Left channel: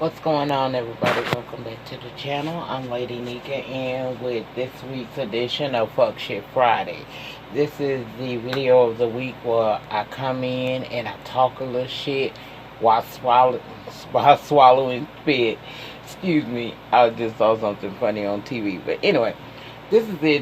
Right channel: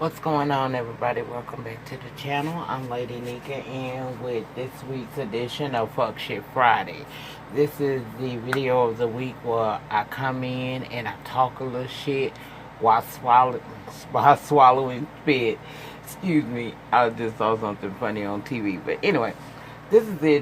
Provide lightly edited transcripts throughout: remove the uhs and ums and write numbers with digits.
What's going on, everybody? Welcome back to the channel. I'm Lady Nika, and with this week's edition of Fuck Shit Friday. This is the video of the week where I come in and I talk a little shit while swallowing spit. Excuse me, I just saw something funny on TV. But anyway, this is the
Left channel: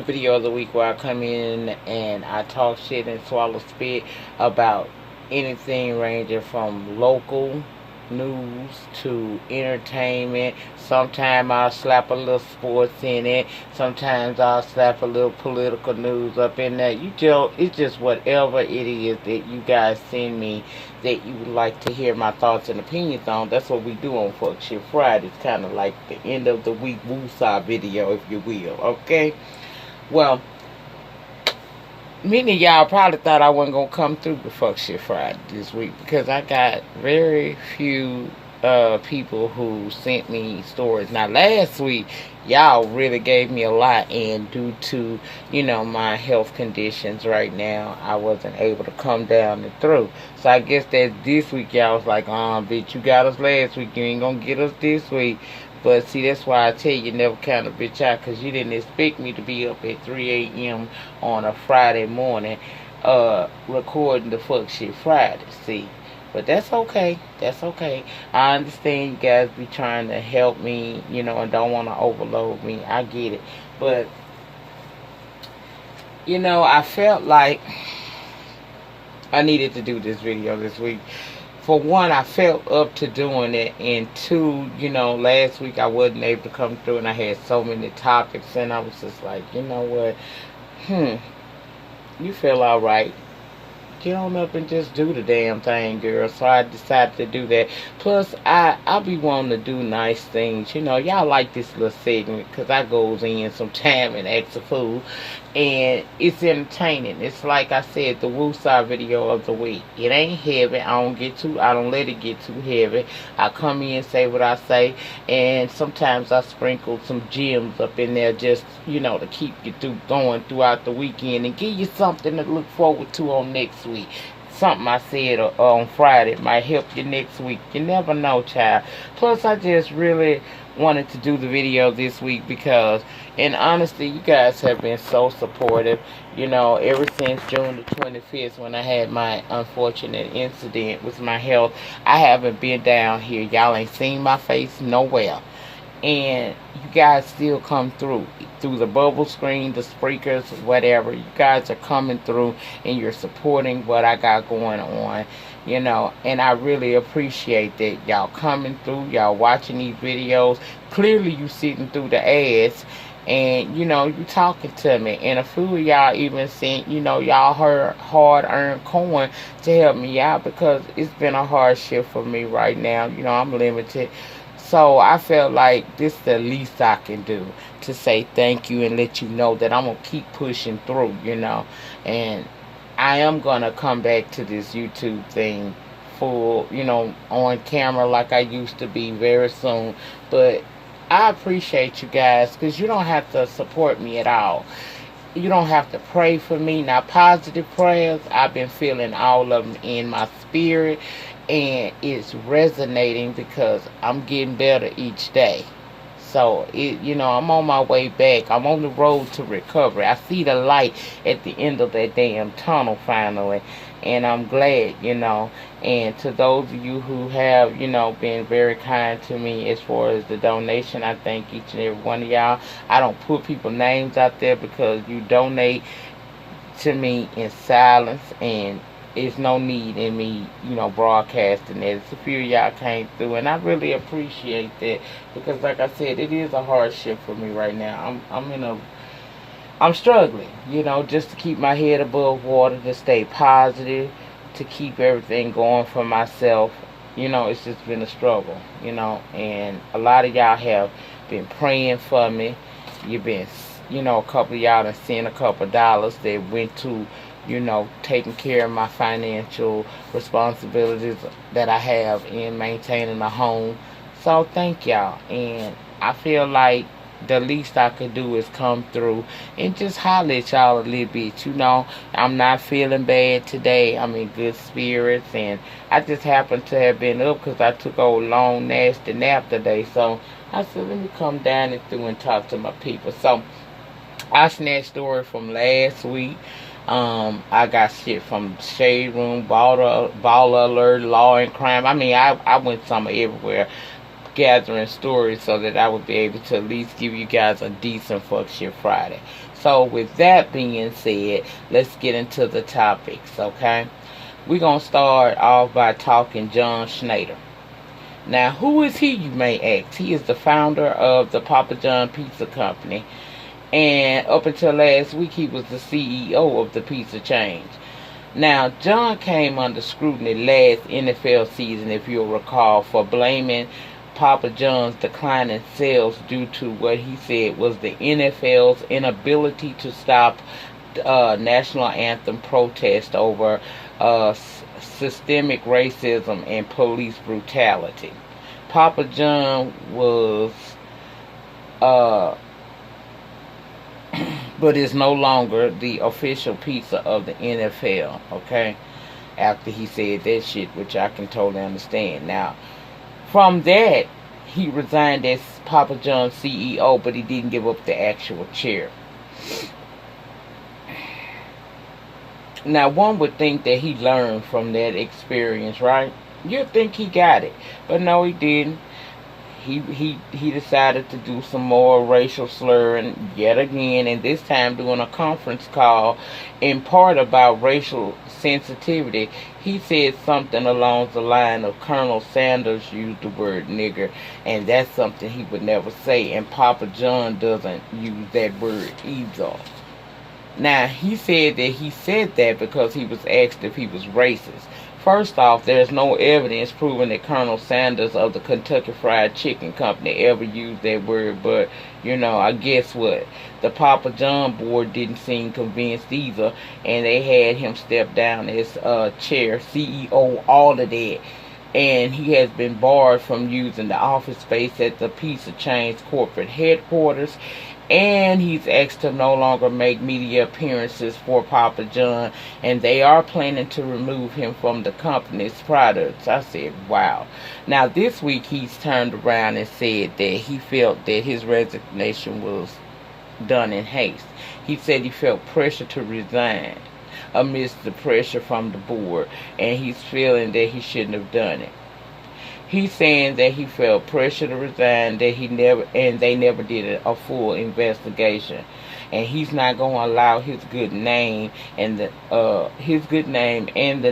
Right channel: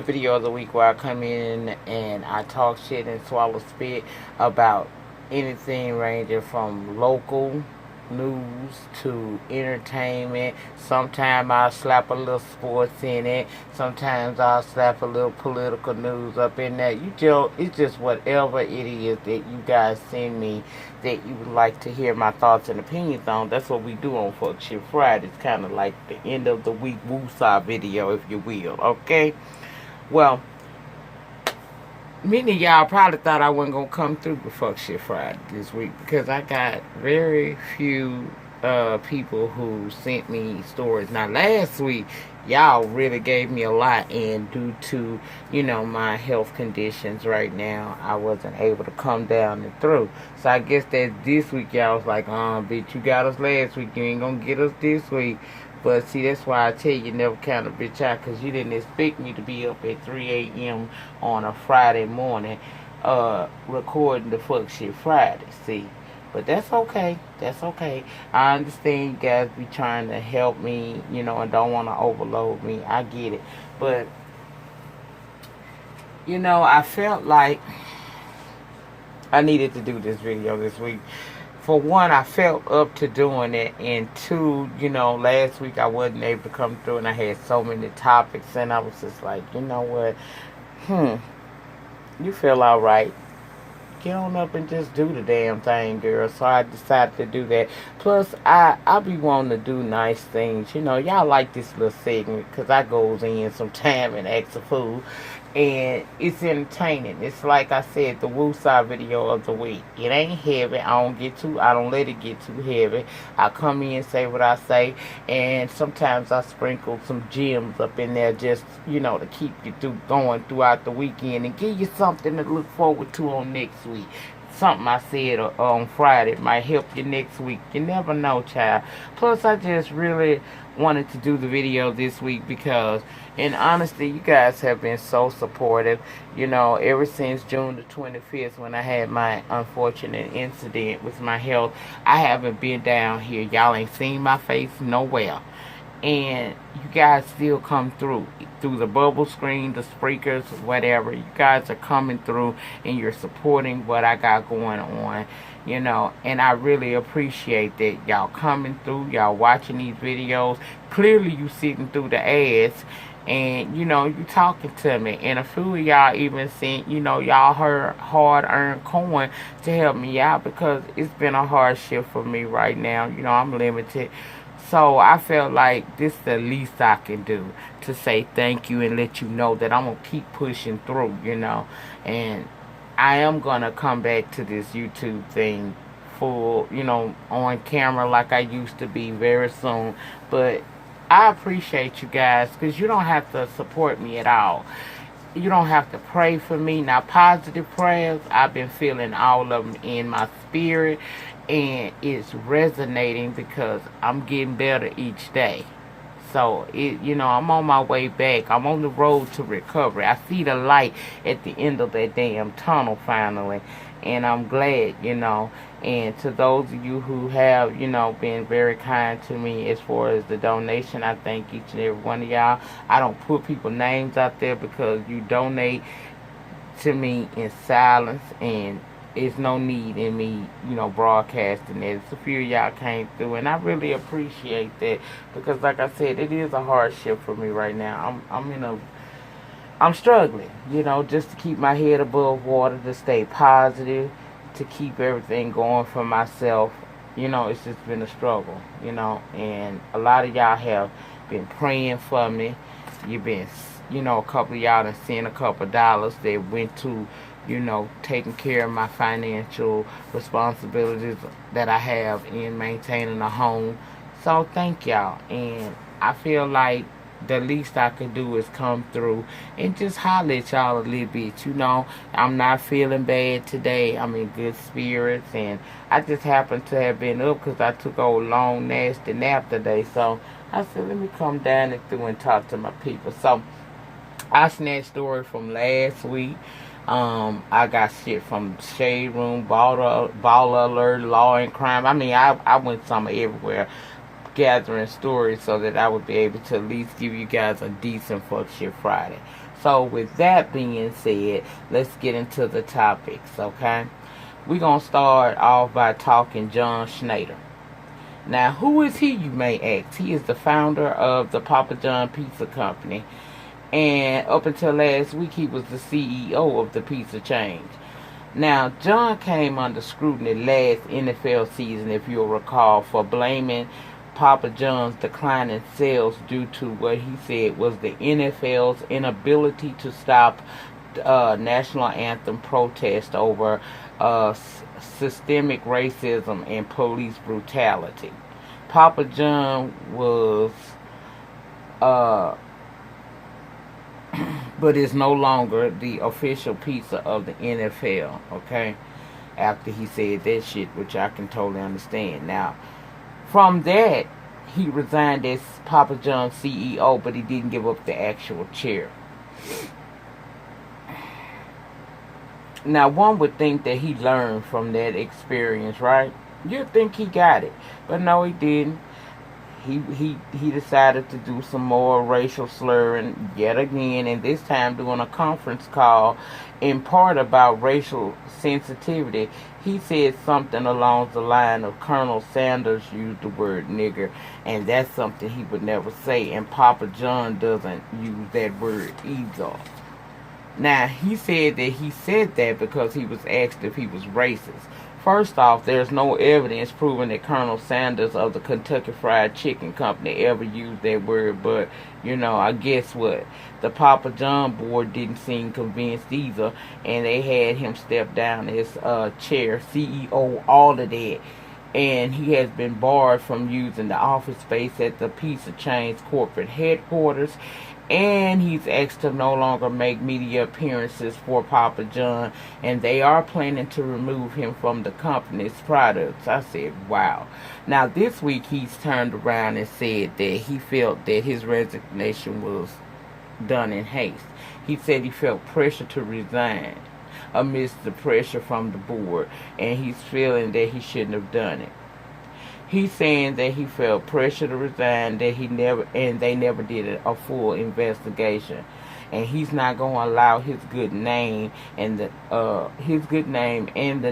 video of the week where I come in and I talk shit and swallow spit about anything ranging from local news to entertainment. Sometimes I'll slap a little sports in it. Sometimes I'll slap a little political news up in there. It's just whatever it is that you guys send me that you would like to hear my thoughts and opinions on. That's what we do on Fuck Shit Friday. It's kind of like the end of the week woosah video, if you will. Okay? Well, many of y'all probably thought I wasn't gonna come through the Fuck Shit Friday this week because I got very few people who sent me stories. Now last week y'all really gave me a lot, and due to my health conditions right now, I wasn't able to come down and through. So I guess that this week y'all was like, bitch, you got us last week, you ain't gonna get us this week. But see, that's why I tell you, never count a bitch out, because you didn't expect me to be up at 3 a.m. on a Friday morning recording the Fuck Shit Friday, see. But that's okay. That's okay. I understand you guys be trying to help me, and don't want to overload me. I get it. But, I felt like I needed to do this video this week. For one, I felt up to doing it, and two, last week I wasn't able to come through, and I had so many topics, and I was just like, you know what, you feel all right, get on up and just do the damn thing, girl. So I decided to do that. Plus, I be wanting to do nice things. Y'all like this little segment because I goes in some time and acts a fool. And it's entertaining. It's like I said, the woosah video of the week. It ain't heavy. I don't let it get too heavy. I come in, say what I say, and sometimes I sprinkle some gems up in there just, to keep you going throughout the weekend and give you something to look forward to on next week. Something I said on Friday might help you next week. You never know, child. Plus, I just really wanted to do the video this week because, and honestly, you guys have been so supportive. Ever since June the 25th, when I had my unfortunate incident with my health, I haven't been down here. Y'all ain't seen my face nowhere. And you guys still come through the bubble screen, the speakers, whatever. You guys are coming through and you're supporting what I got going on, and I really appreciate that. Y'all coming through, y'all watching these videos. Clearly you sitting through the ads, and you talking to me, and a few of y'all even sent y'all hard-earned coin to help me out, because it's been a hardship for me right now. I'm limited. So I felt like this is the least I can do to say thank you and let you know that I'm going to keep pushing through, And I am going to come back to this YouTube thing full, on camera like I used to be very soon. But I appreciate you guys, because you don't have to support me at all. You don't have to pray for me. Now, positive prayers, I've been feeling all of them in my spirit, and it's resonating because I'm getting better each day. So I'm on my way back. I'm on the road to recovery. I see the light at the end of that damn tunnel finally, and I'm glad. And to those of you who have been very kind to me as far as the donation, I thank each and every one of y'all. I don't put people's names out there because you donate to me in silence, and it's no need in me, broadcasting it. It's a few of y'all came through, and I really appreciate that, because like I said, it is a hardship for me right now. I'm struggling, just to keep my head above water, to stay positive, to keep everything going for myself. It's just been a struggle, and a lot of y'all have been praying for me. You've been, a couple of y'all have sent a couple of dollars that went to taking care of my financial responsibilities that I have in maintaining a home. So thank y'all. And I feel like the least I could do is come through and just holler at y'all a little bit. I'm not feeling bad today. I'm in good spirits, and I just happen to have been up because I took a long, nasty nap today. So I said, let me come down and through and talk to my people. So I snatched story from last week. I got shit from Shade Room, Baller Alert, Law and Crime. I mean, I went some everywhere gathering stories so that I would be able to at least give you guys a decent Fuck Shit Friday. So with that being said, let's get into the topics, okay? We're going to start off by talking John Schneider. Now, who is he, you may ask? He is the founder of the Papa John Pizza Company. And up until last week, he was the CEO of the pizza chain. Now, John came under scrutiny last NFL season, if you'll recall, for blaming Papa John's decline in sales due to what he said was the NFL's inability to stop national anthem protest over systemic racism and police brutality. Papa John was but is no longer the official pizza of the NFL, okay? After he said that shit, which I can totally understand. Now, from that, he resigned as Papa John's CEO, but he didn't give up the actual chair. Now, one would think that he learned from that experience, right? You'd think he got it, but no, he didn't. He decided to do some more racial slurring yet again, and this time doing a conference call in part about racial sensitivity. He said something along the line of Colonel Sanders used the word nigger, and that's something he would never say, and Papa John doesn't use that word either. Now, he said that he said that because he was asked if he was racist. First off, there's no evidence proving that Colonel Sanders of the Kentucky Fried Chicken Company ever used that word, but, I guess what? The Papa John board didn't seem convinced either, and they had him step down as chair, CEO, all of that. And he has been barred from using the office space at the pizza chain's corporate headquarters, and he's asked to no longer make media appearances for Papa John, and they are planning to remove him from the company's products. I said, wow. Now, this week he's turned around and said that he felt that his resignation was done in haste. He said he felt pressure to resign amidst the pressure from the board, and he's feeling that he shouldn't have done it. He's saying that he felt pressure to resign, that they never did a full investigation, and he's not going to allow his good name and the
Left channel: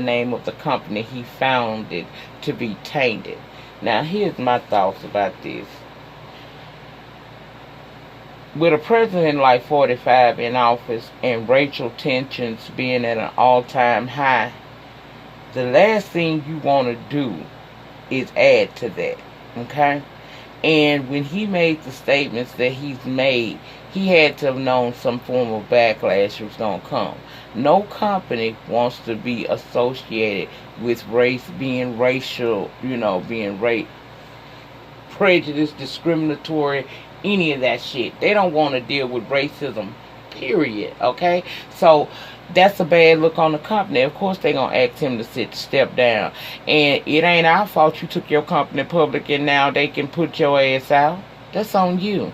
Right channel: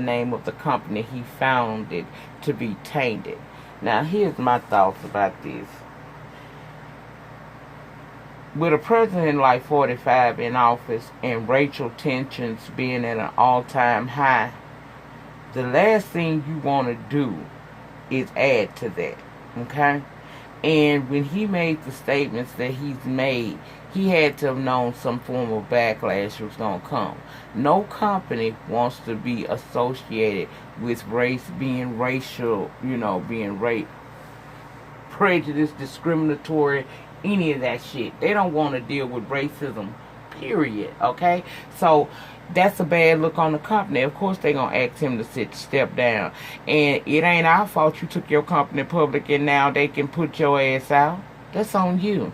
name of the company he founded to be tainted. Now, here's my thoughts about this. With a president like 45 in office and racial tensions being at an all-time high, the last thing you want to do is add to that, okay? And when he made the statements that he's made, he had to have known some form of backlash was going to come. No company wants to be associated with race being racial, being rape, prejudice, discriminatory, any of that shit. They don't want to deal with racism, period, okay? So that's a bad look on the company. Of course they're going to ask him to step down. And it ain't our fault you took your company public and now they can put your ass out. That's on you.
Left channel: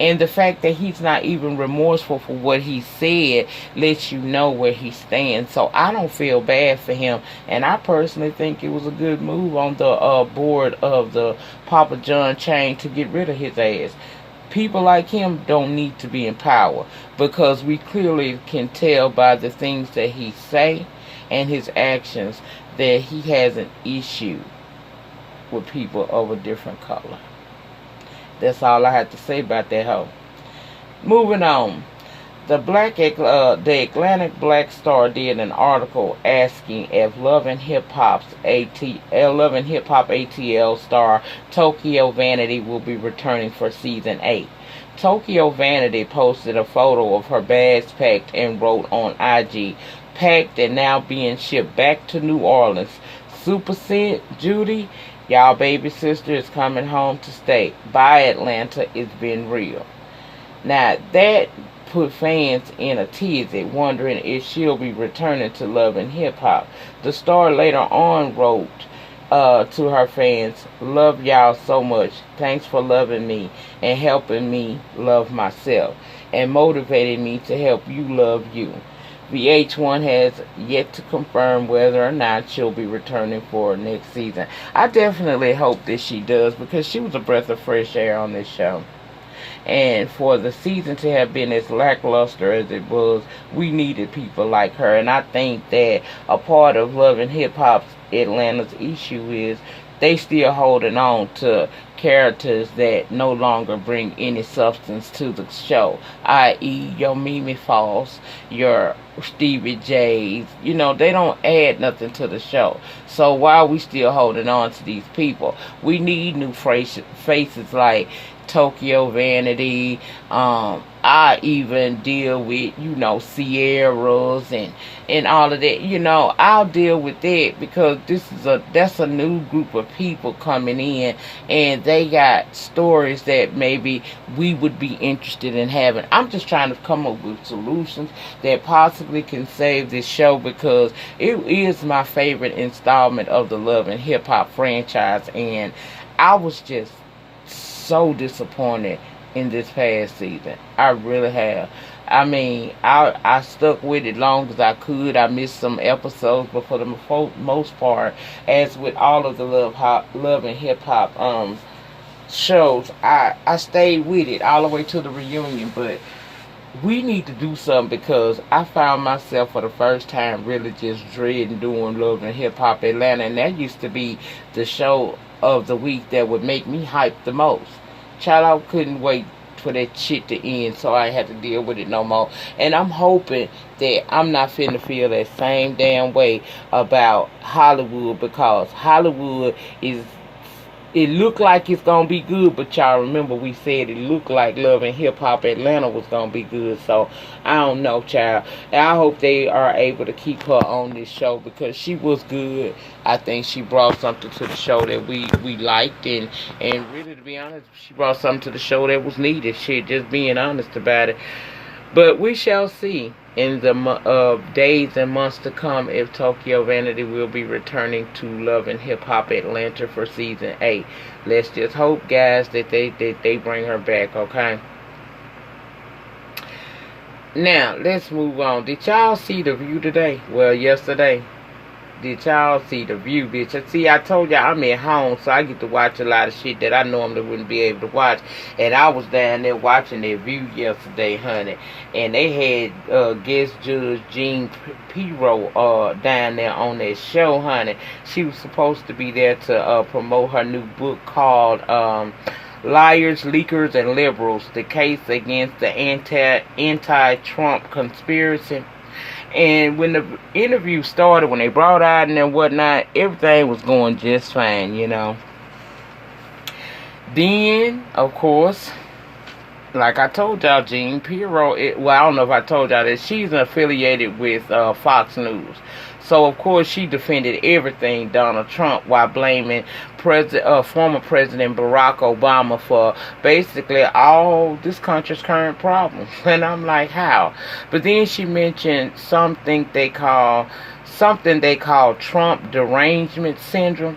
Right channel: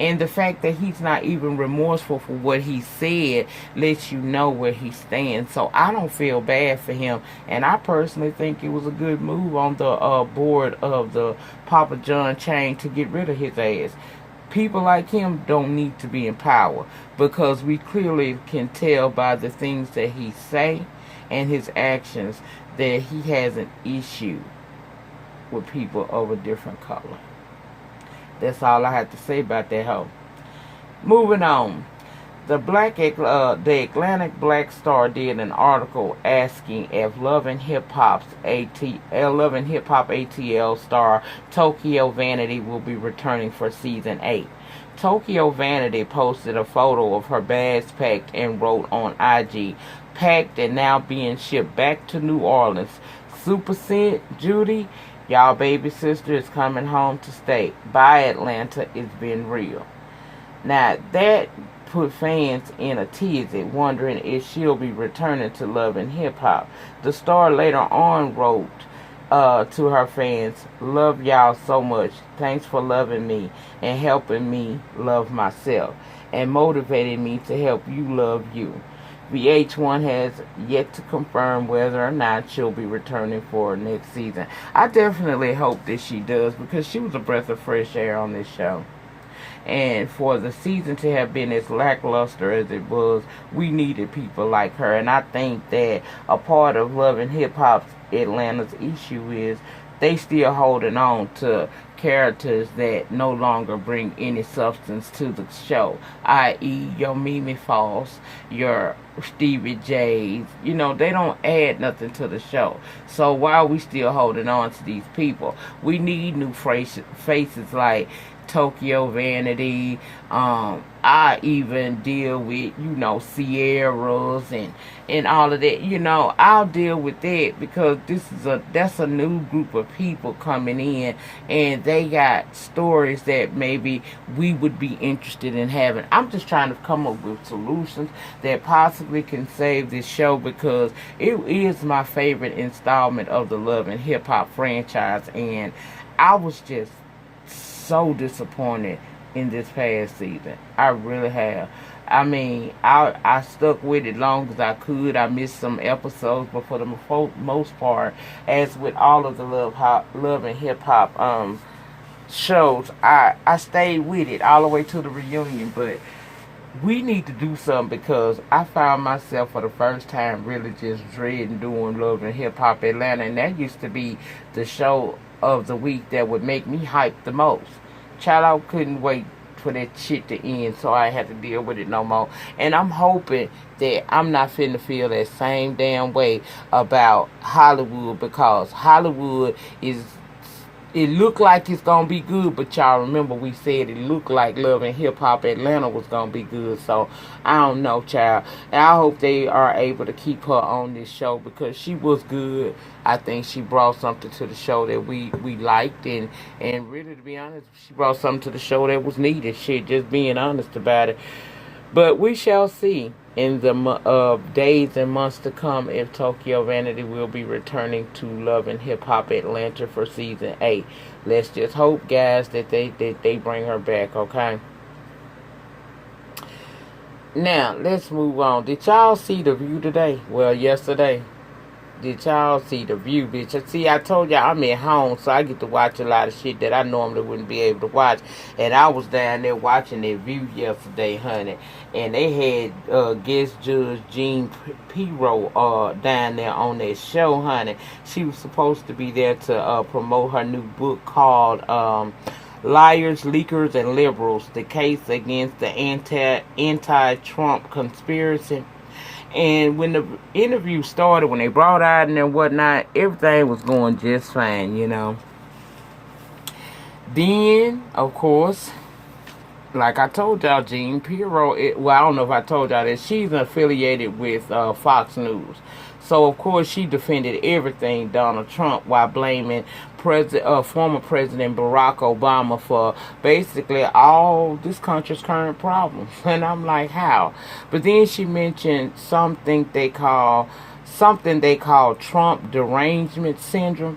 And the fact that he's not even remorseful for what he said lets you know where he stands. So I don't feel bad for him. And I personally think it was a good move on the board of the Papa John chain to get rid of his ass. People like him don't need to be in power, because we clearly can tell by the things that he say and his actions that he has an issue with people of a different color. That's all I have to say about that hoe. Moving on. The Atlantic Black Star did an article asking if Love and Hip Hop ATL star Tokyo Vanity will be returning for season 8. Tokyo Vanity posted a photo of her bags packed and wrote on IG, "Packed and now being shipped back to New Orleans. Super Scent, Judy, y'all baby sister is coming home to stay. Bye Atlanta, it's been real." Now, that put fans in a tizzy, wondering if she'll be returning to Love and Hip Hop. The star later on wrote to her fans, "Love y'all so much. Thanks for loving me and helping me love myself and motivating me to help you love you." VH1 has yet to confirm whether or not she'll be returning for next season. I definitely hope that she does, because she was a breath of fresh air on this show. And for the season to have been as lackluster as it was, we needed people like her. And I think that a part of Love and Hip Hop's Atlanta's issue is they still holding on to characters that no longer bring any substance to the show, i.e. your Mimi Foss, your Stevie J's. You know, they don't add nothing to the show. So why are we still holding on to these people? We need new faces like Tokyo Vanity. I even deal with, Sierras and all of that. I'll deal with that, because that's a new group of people coming in, and they got stories that maybe we would be interested in having. I'm just trying to come up with solutions that possibly can save this show, because it is my favorite installment of the Love and Hip Hop franchise, and I was just so disappointed in this past season. I really have. I mean, I stuck with it long as I could. I missed some episodes, but for the most part, as with all of the Love and Hip Hop shows, I stayed with it all the way to the reunion. But we need to do something, because I found myself for the first time really just dreading doing Love and Hip Hop Atlanta, and that used to be the show of the week that would make me hype the most. Child, I couldn't wait for that shit to end, so I had to deal with it no more. And I'm hoping that I'm not finna feel that same damn way about Hollywood, because Hollywood it looked like it's gonna be good, but y'all remember we said it looked like Love and Hip Hop Atlanta was gonna be good. So I don't know, child. And I hope they are able to keep her on this show, because she was good. I think she brought something to the show that we liked, and really, to be honest, she brought something to the show that was needed. Shit, just being honest about it. But we shall see in the days and months to come if Tokyo Vanity will be returning to Love and Hip Hop Atlanta for season 8. Let's just hope, guys, that they bring her back, okay? Now, let's move on. Did y'all see The View today? Well, yesterday. Did y'all see The View, bitch? See, I told y'all I'm at home, so I get to watch a lot of shit that I normally wouldn't be able to watch. And I was down there watching The View yesterday, honey. And they had guest judge Jean Pirro down there on that show, honey. She was supposed to be there to promote her new book called Liars, Leakers, and Liberals: The Case Against the Anti-Trump Conspiracy. And when the interview started, when they brought out and whatnot, everything was going just fine, Then, of course, like I told y'all, Jean Pirro, I don't know if I told y'all that she's affiliated with Fox News. So, of course, she defended everything Donald Trump while blaming former President Barack Obama for basically all this country's current problems. And I'm like, how? But then she mentioned something they call Trump derangement syndrome.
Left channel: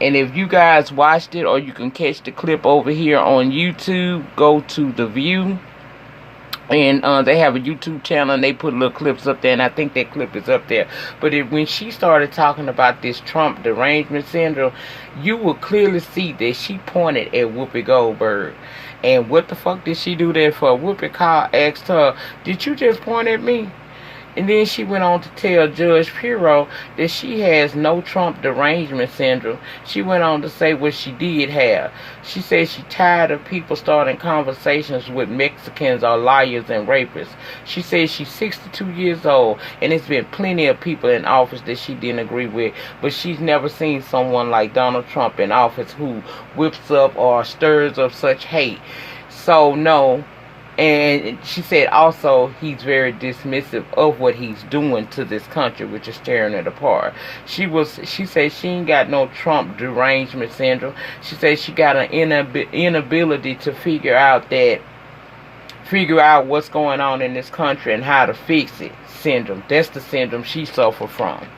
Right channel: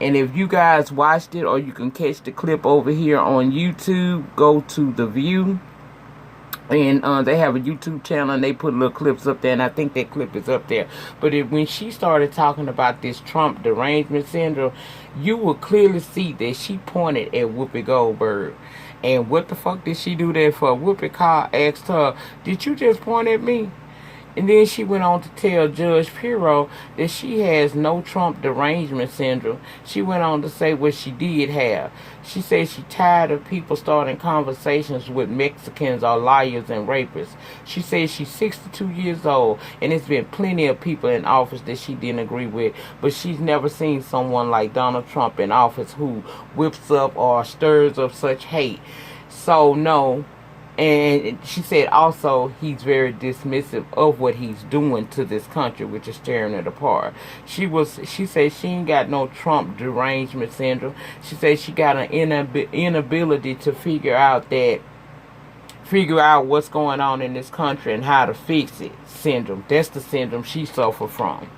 And if you guys watched it, or you can catch the clip over here on YouTube, go to The View. And they have a YouTube channel, and they put little clips up there, and I think that clip is up there. But when she started talking about this Trump derangement syndrome, you will clearly see that she pointed at Whoopi Goldberg. And what the fuck did she do that for? Whoopi asked her, "Did you just point at me?" And then she went on to tell Judge Pirro that she has no Trump derangement syndrome. She went on to say what she did have. She said she's tired of people starting conversations with Mexicans are liars and rapists. She said she's 62 years old, and there's been plenty of people in office that she didn't agree with, but she's never seen someone like Donald Trump in office who whips up or stirs up such hate. So, no. And she said also he's very dismissive of what he's doing to this country, which is tearing it apart. She said she ain't got no Trump derangement syndrome. She said she got an inability to figure out that figure out what's going on in this country and how to fix it syndrome. That's the syndrome she suffered from.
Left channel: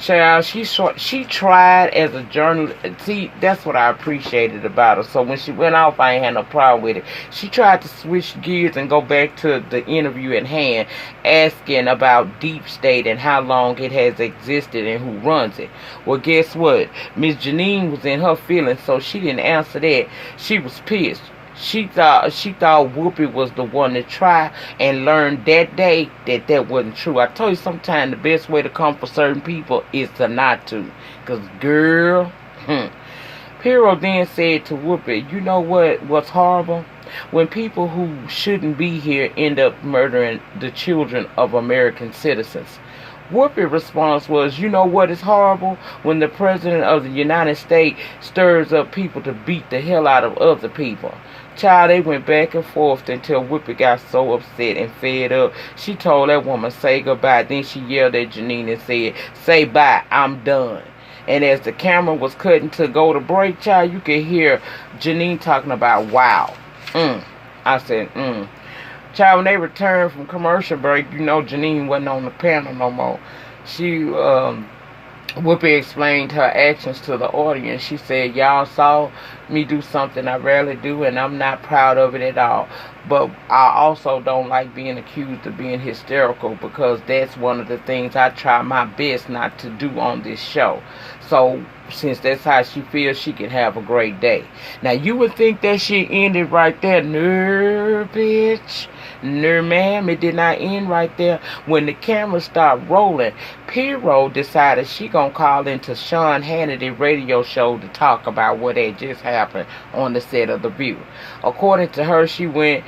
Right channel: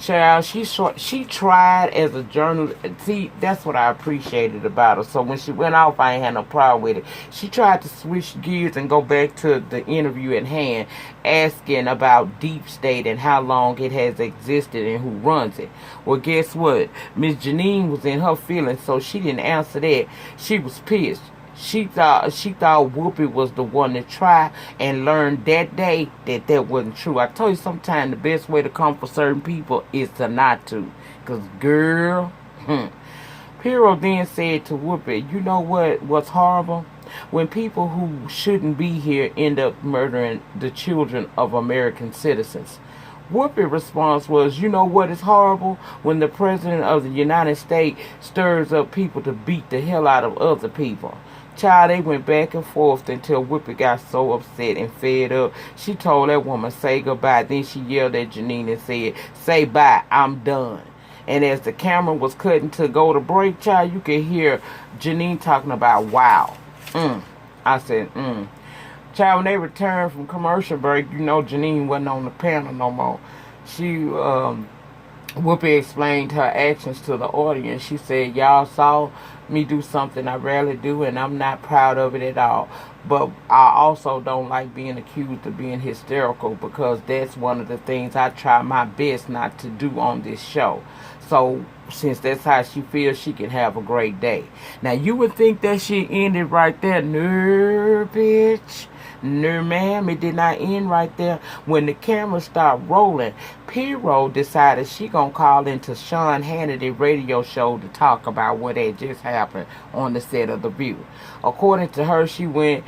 Child, she tried as a journalist. See, that's what I appreciated about her. So when she went off, I ain't had no problem with it. She tried to switch gears and go back to the interview at hand, asking about Deep State and how long it has existed and who runs it. Well, guess what? Miss Janine was in her feelings, so she didn't answer that. She was pissed. She thought Whoopi was the one to try, and learned that day that that wasn't true. I told you sometimes the best way to come for certain people is to not to. Because, girl, Piero then said to Whoopi, you know what's horrible? When people who shouldn't be here end up murdering the children of American citizens. Whoopi's response was, you know what is horrible? When the President of the United States stirs up people to beat the hell out of other people. Child, they went back and forth until Whoopi got so upset and fed up. She told that woman, say goodbye. Then she yelled at Janine and said, say bye, I'm done. And as the camera was cutting to go to break, child, you could hear Janine talking about, wow. I said, Child, when they returned from commercial break, you know Janine wasn't on the panel no more. Whoopi explained her actions to the audience. She said, y'all saw me do something I rarely do, and I'm not proud of it at all. But I also don't like being accused of being hysterical, because that's one of the things I try my best not to do on this show. So, since that's how she feels, she can have a great day. Now, you would think that she ended right there. No, bitch. No, ma'am, it did not end right there. When the camera started rolling, Piero decided she gonna call into Sean Hannity radio show to talk about what had just happened on the set of The View. According to her, she went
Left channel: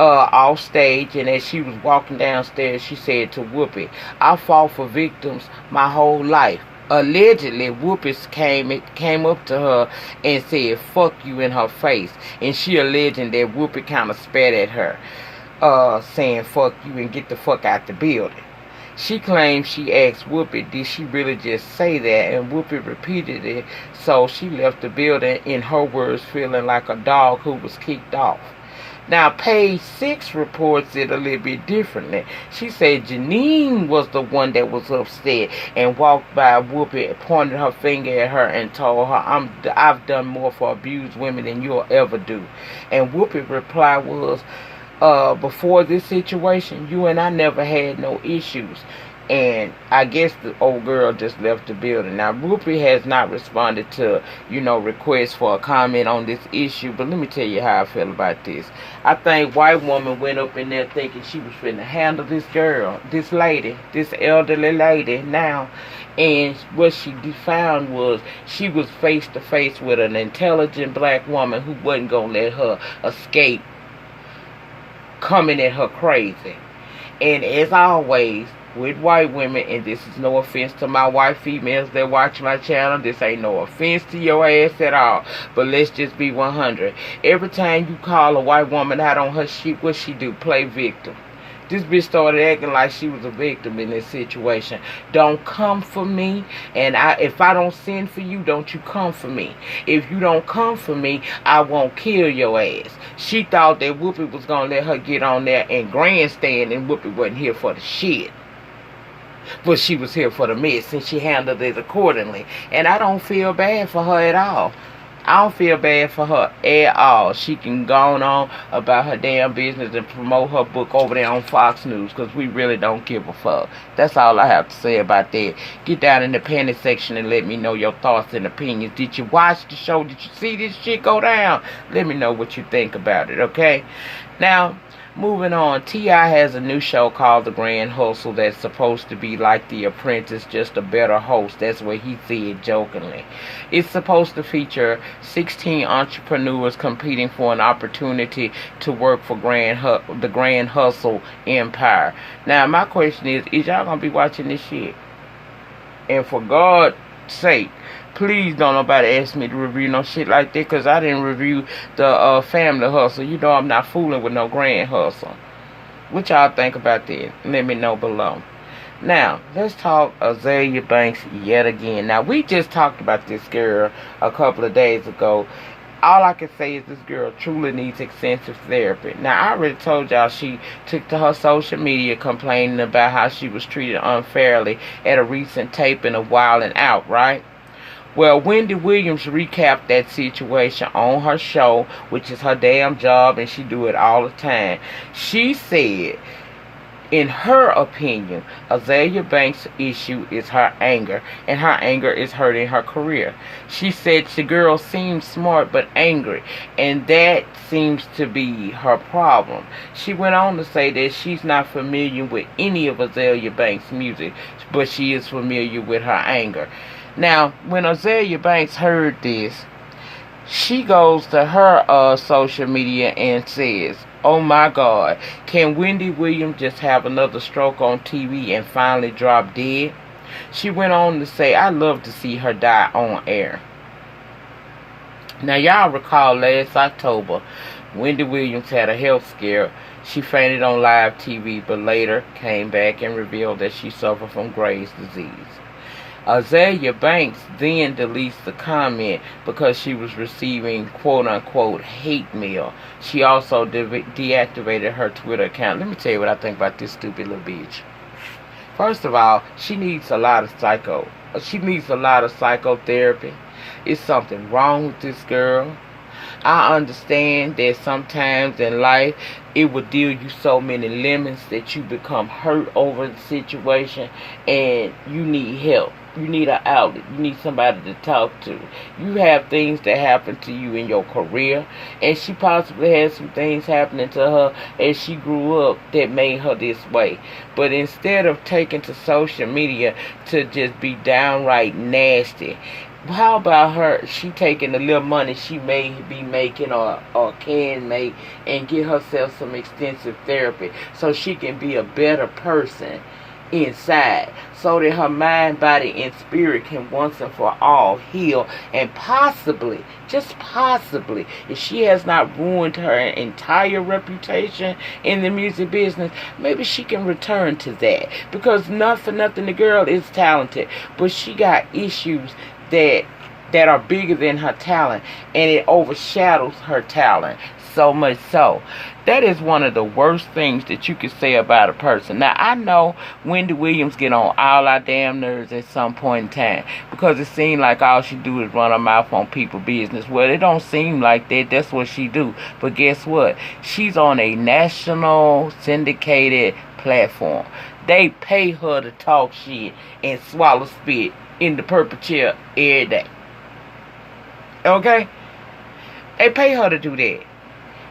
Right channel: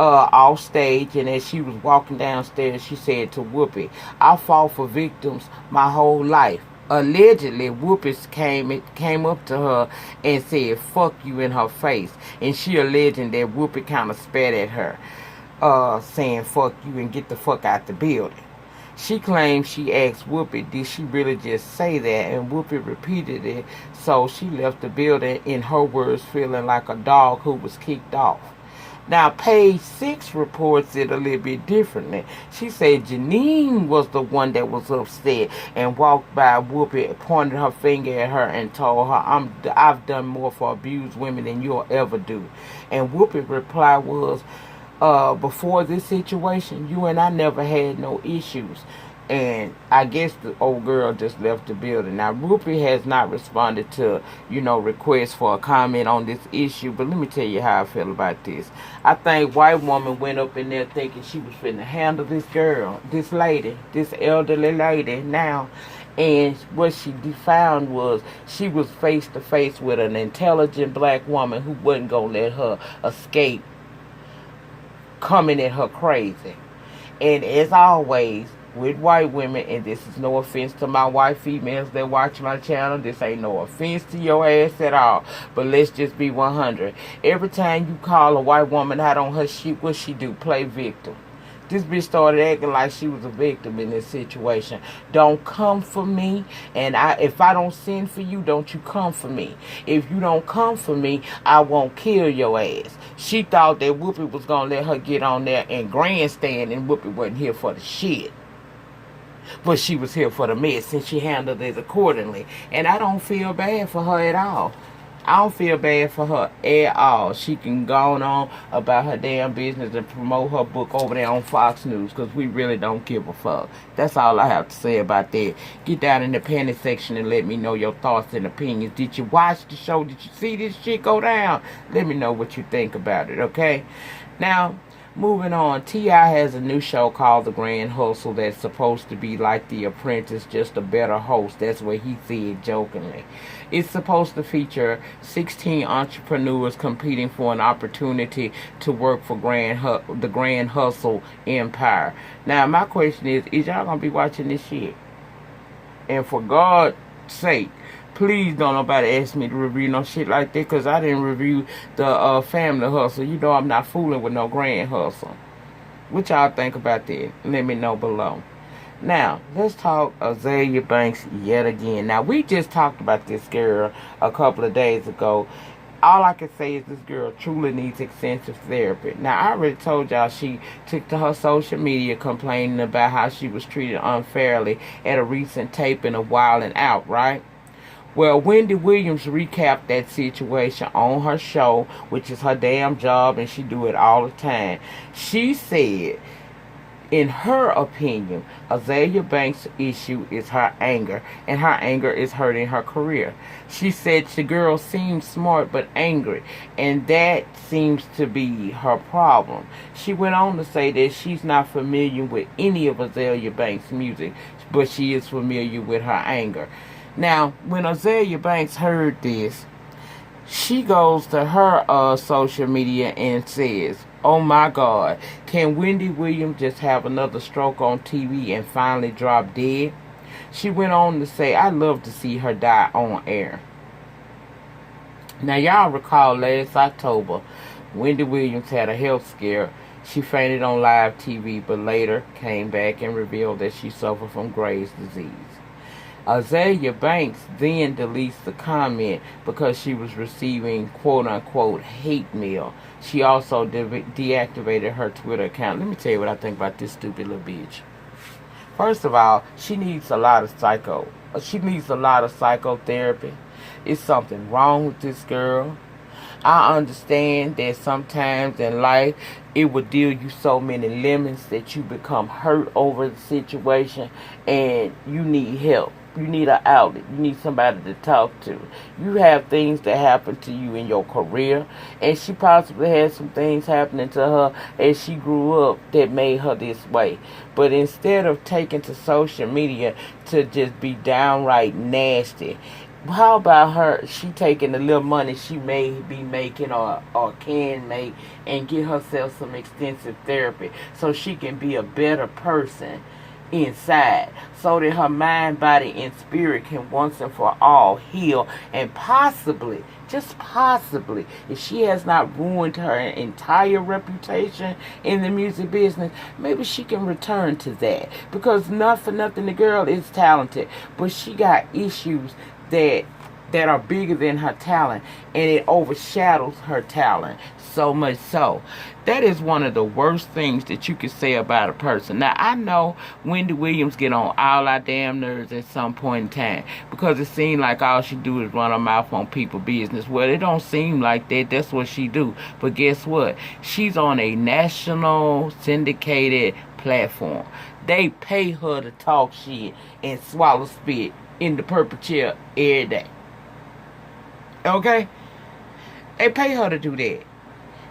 off stage, and as she was walking downstairs, she said to Whoopi, I fought for victims my whole life. Allegedly, Whoopi came up to her and said, fuck you, in her face. And she alleging that Whoopi kind of spat at her, saying fuck you and get the fuck out the building. She claimed she asked Whoopi, did she really just say that? And Whoopi repeated it, so she left the building, in her words, feeling like a dog who was kicked off. Now, Page 6 reports it a little bit differently. She said Janine was the one that was upset and walked by Whoopi, pointed her finger at her, and told her, I've done more for abused women than you'll ever do. And Whoopi's reply was, before this situation, you and I never had no issues. And I guess the old girl just left the building. Now, Whoopi has not responded to, requests for a comment on this issue. But let me tell you how I feel about this. I think white woman went up in there thinking she was finna handle this girl, this lady, this elderly lady now. And what she found was she was face to face with an intelligent black woman who wasn't gonna let her escape coming at her crazy. And as always, with white women, and this is no offense to my white females that watch my channel, this ain't no offense to your ass at all, but let's just be 100. Every time you call a white woman out on her shit, what she do? Play victim. This bitch started acting like she was a victim in this situation. Don't come for me, and if I don't send for you, don't you come for me. If you don't come for me, I won't kill your ass. She thought that Whoopi was gonna let her get on there and grandstand, and Whoopi wasn't here for the shit. But she was here for the mess, and she handled it accordingly. And I don't feel bad for her at all. I don't feel bad for her at all. She can go on about her damn business and promote her book over there on Fox News, because we really don't give a fuck. That's all I have to say about that. Get down in the comment section and let me know your thoughts and opinions. Did you watch the show? Did you see this shit go down? Let me know what you think about it, okay? Now, moving on, T.I. has a new show called The Grand Hustle that's supposed to be like The Apprentice, just a better host. That's what he said jokingly. It's supposed to feature 16 entrepreneurs competing for an opportunity to work for the Grand Hustle empire. Now, my question is y'all going to be watching this shit? And for God's sake, please don't nobody ask me to review no shit like that, because I didn't review the Family Hustle. You know I'm not fooling with no Grand Hustle. What y'all think about that? Let me know below. Now, let's talk Azealia Banks yet again. Now, we just talked about this girl a couple of days ago, All I can say is this girl truly needs extensive therapy. Now, I already told y'all she took to her social media complaining about how she was treated unfairly at a recent taping of Wild 'N Out, right? Well, Wendy Williams recapped that situation on her show, which is her damn job, and she do it all the time. She said, in her opinion, Azealia Banks' issue is her anger, and her anger is hurting her career. She said the girl seems smart but angry, and that seems to be her problem. She went on to say that she's not familiar with any of Azealia Banks' music, but she is familiar with her anger. Now, when Azealia Banks heard this, she goes to her social media and says, "Oh my God, can Wendy Williams just have another stroke on TV and finally drop dead?" She went on to say, "I'd love to see her die on air." Now, y'all recall last October, Wendy Williams had a health scare. She fainted on live TV, but later came back and revealed that she suffered from Graves' disease. Azealia Banks then deletes the comment because she was receiving quote-unquote hate mail. She also deactivated her Twitter account. Let me tell you what I think about this stupid little bitch. First of all, she needs a lot of psychotherapy. It's something wrong with this girl. I understand that sometimes in life it will deal you so many lemons that you become hurt over the situation and you need help. You need an outlet. You need somebody to talk to. You have things that happen to you in your career, and she possibly had some things happening to her as she grew up that made her this way. But instead of taking to social media to just be downright nasty, how about she taking the little money she may be making or can make and get herself some extensive therapy so she can be a better person inside, so that her mind, body, and spirit can once and for all heal, and possibly, just possibly, if she has not ruined her entire reputation in the music business, maybe she can return to that. Because not for nothing, the girl is talented, but she got issues that are bigger than her talent, and it overshadows her talent so much so. That is one of the worst things that you could say about a person. Now, I know Wendy Williams get on all our damn nerves at some point in time because it seems like all she do is run her mouth on people's business. Well, it don't seem like that. That's what she do. But guess what? She's on a national syndicated platform. They pay her to talk shit and swallow spit in the purple chair every day. Okay? They pay her to do that.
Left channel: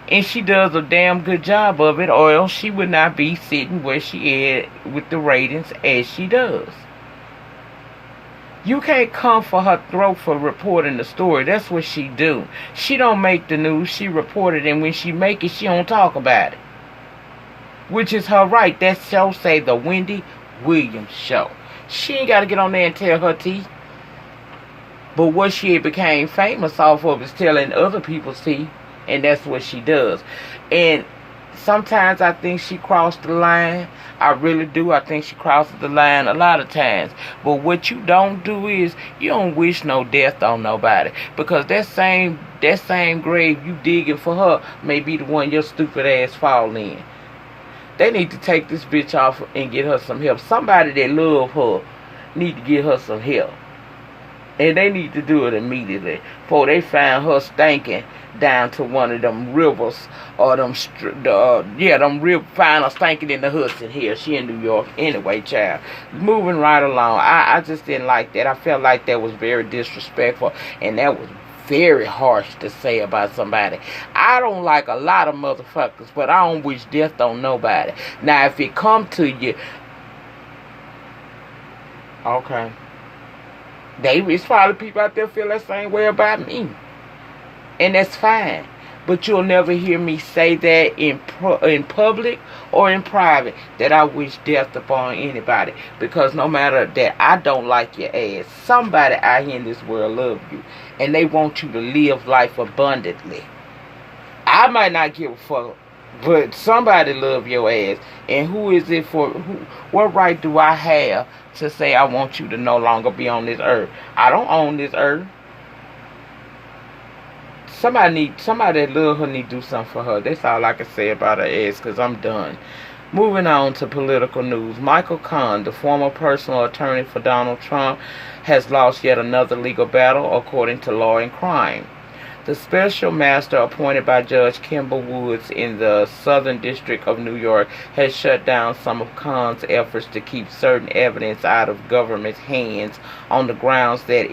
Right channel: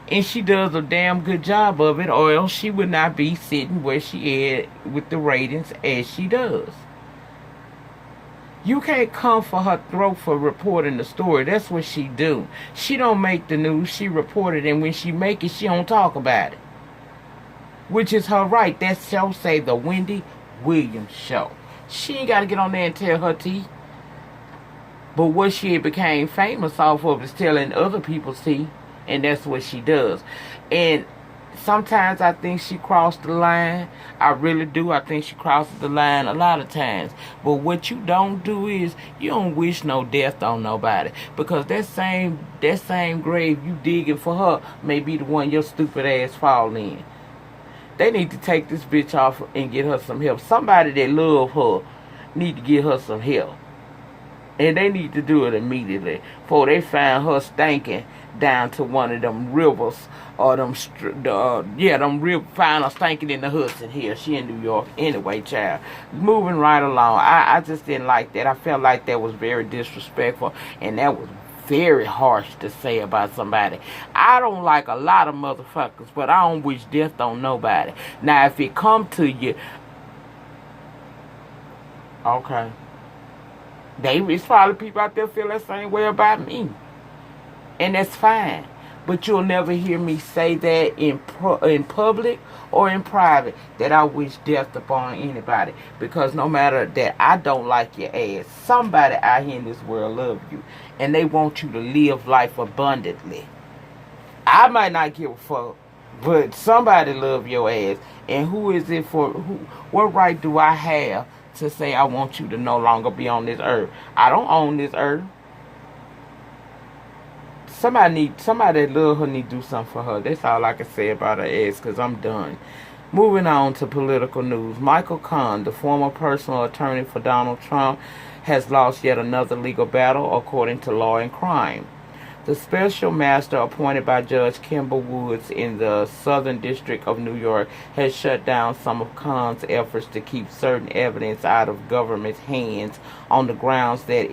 And she does a damn good job of it, or else she would not be sitting where she is with the ratings as she does. You can't come for her throat for reporting the story. That's what she do. She don't make the news, she report it, and when she make it, she don't talk about it. Which is her right. That show say The Wendy Williams Show. She ain't got to get on there and tell her teeth. But what she became famous off of is telling other people's teeth. And that's what she does. And sometimes I think she crossed the line. I really do. I think she crosses the line a lot of times. But what you don't do is you don't wish no death on nobody. Because that same grave you digging for her may be the one your stupid ass fall in. They need to take this bitch off and get her some help. Somebody that love her need to get her some help. And they need to do it immediately before they find her stinking down to one of them rivers or them rivers, find her stinking in the Hudson here. She in New York. Anyway, child. Moving right along. I just didn't like that. I felt like that was very disrespectful, and that was very harsh to say about somebody. I don't like a lot of motherfuckers, but I don't wish death on nobody. Now, if it come to you, okay. It's probably people out there feel that same way about me. And that's fine. But you'll never hear me say that in public or in private that I wish death upon anybody. Because no matter that I don't like your ass, somebody out here in this world love you. And they want you to live life abundantly. I might not give a fuck, but somebody love your ass. And who is it for? What right do I have to say I want you to no longer be on this earth? I don't own this earth. somebody that love her need to do something for her. That's all I can say about her ass, because I'm done. Moving on to political news. Michael Cohen, the former personal attorney for Donald Trump, has lost yet another legal battle, according to Law and Crime. The special master appointed by Judge Kimber Woods in the Southern District of New York has shut down some of Khan's efforts to keep certain evidence out of government's hands on the grounds that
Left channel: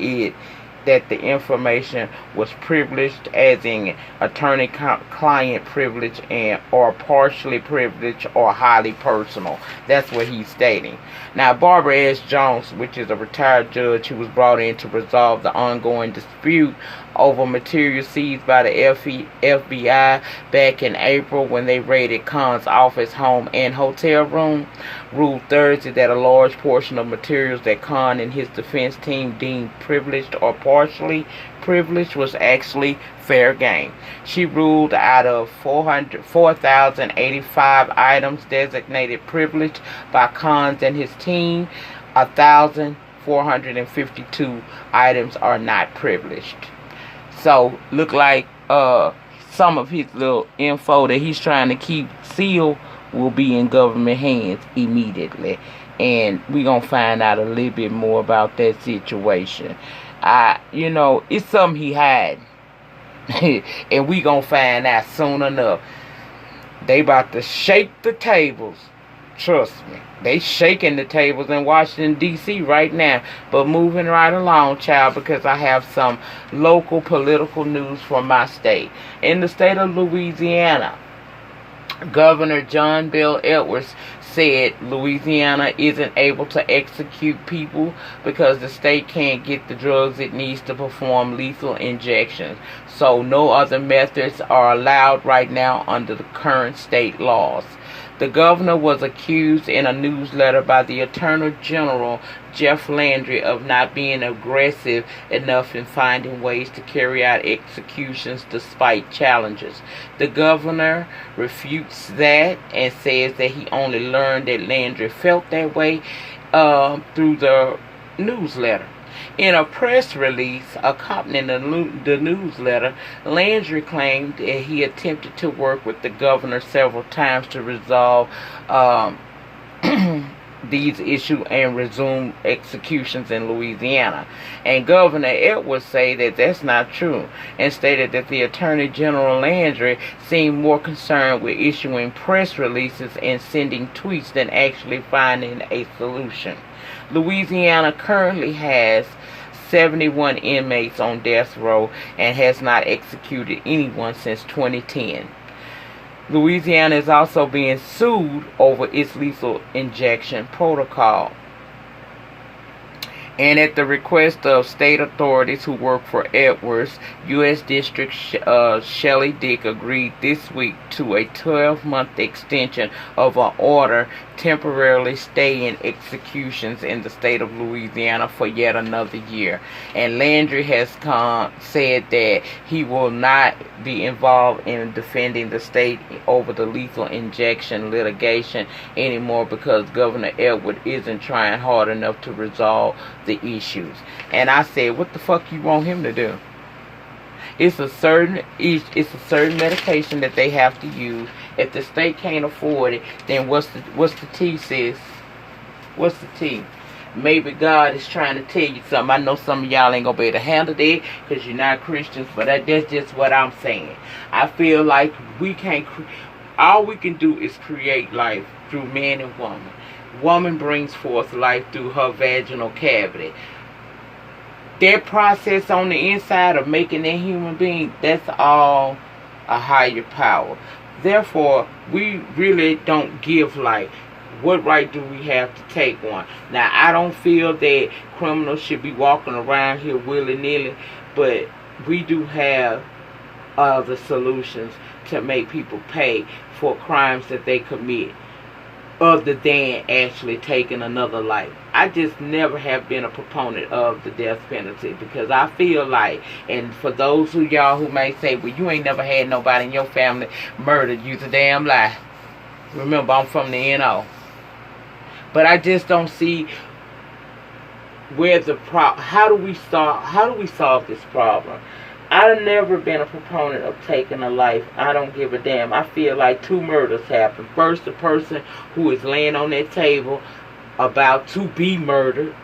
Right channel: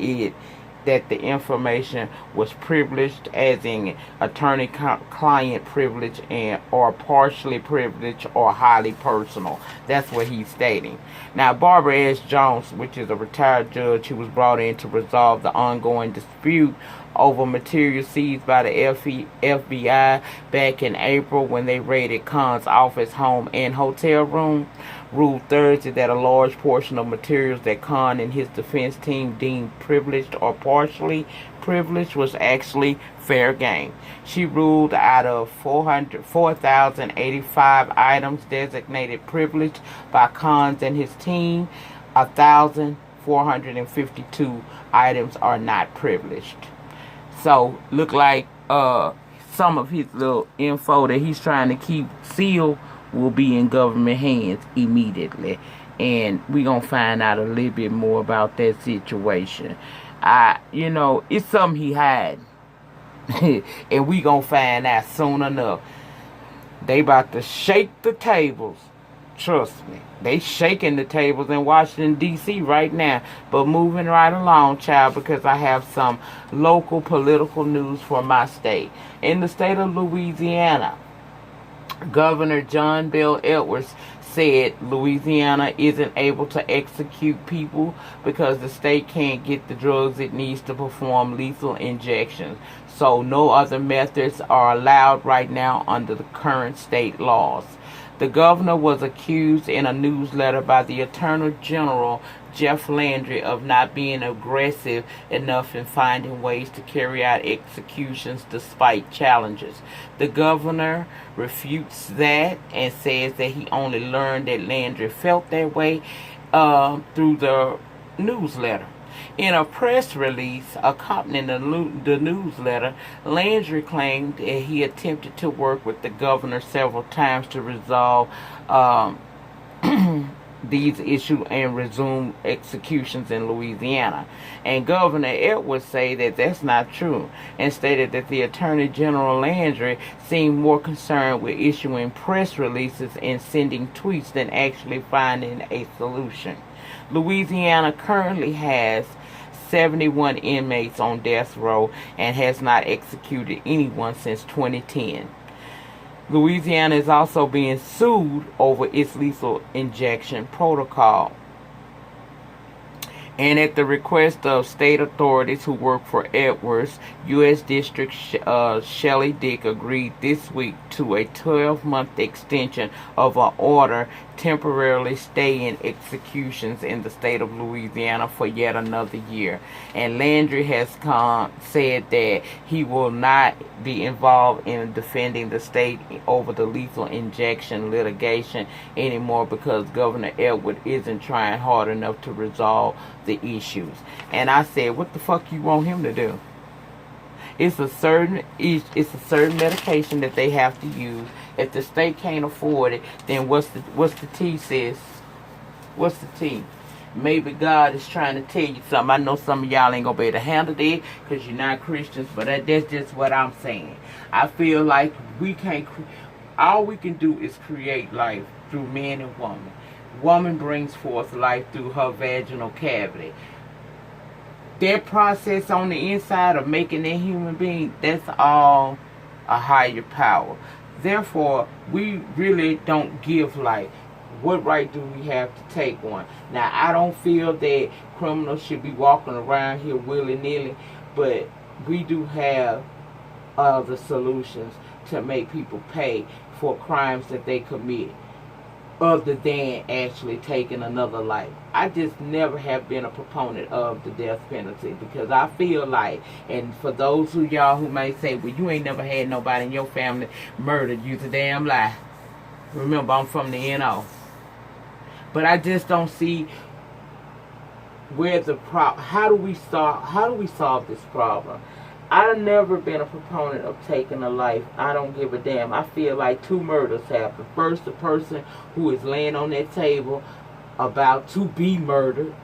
the information was privileged, as in attorney-client privilege, and or partially privileged or highly personal. That's what he's stating. Now, Barbara S. Jones, which is a retired judge who was brought in to resolve the ongoing dispute over material seized by the FBI back in April when they raided Khan's office, home, and hotel room, ruled Thursday that a large portion of materials that Khan and his defense team deemed privileged or partially privileged was actually fair game. She ruled out of 4,085 items designated privileged by Khan and his team, 1,452 items are not privileged. So, look like some of his little info that he's trying to keep sealed will be in government hands immediately. And we're going to find out a little bit more about that situation. It's something he had. And we going to find out soon enough. They about to shake the tables. Trust me. They shaking the tables in Washington, D.C. right now. But moving right along, child, because I have some local political news from my state. In the state of Louisiana, Governor John Bel Edwards said Louisiana isn't able to execute people because the state can't get the drugs it needs to perform lethal injections. So no other methods are allowed right now under the current state laws. The governor was accused in a newsletter by the Attorney General, Jeff Landry, of not being aggressive enough in finding ways to carry out executions despite challenges. The governor refutes that and says that he only learned that Landry felt that way through the newsletter. In a press release accompanying the newsletter, Landry claimed that he attempted to work with the governor several times to resolve these issues and resume executions in Louisiana. And Governor Edwards said that that's not true, and stated that the Attorney General Landry seemed more concerned with issuing press releases and sending tweets than actually finding a solution. Louisiana currently has 71 inmates on death row and has not executed anyone since 2010. Louisiana is also being sued over its lethal injection protocol. And at the request of state authorities who work for Edwards, U.S. District Shelley Dick agreed this week to a 12-month extension of an order temporarily staying executions in the state of Louisiana for yet another year. And Landry has said that he will not be involved in defending the state over the lethal injection litigation anymore because Governor Edwards isn't trying hard enough to resolve the issues. And I said, what the fuck you want him to do? It's a certain medication that they have to use. If the state can't afford it, then what's the tea, sis? What's the tea? Maybe God is trying to tell you something. I know some of y'all ain't gonna be able to handle that because you're not Christians, but that's just what I'm saying. I feel like we can't. All we can do is create life through man and woman. Woman brings forth life through her vaginal cavity. That process on the inside of making that human being, that's all a higher power. Therefore, we really don't give life. What right do we have to take one? Now, I don't feel that criminals should be walking around here willy-nilly, but we do have other solutions to make people pay for crimes that they commit, other than actually taking another life. I just never have been a proponent of the death penalty because I feel like, and for those of y'all who may say, well, you ain't never had nobody in your family murdered, you's a damn lie. Remember, I'm from the NO. But I just don't see where the how do we solve this problem? I've never been a proponent of taking a life. I don't give a damn. I feel like 2 murders happened. First, the person who is laying on that table about to be murdered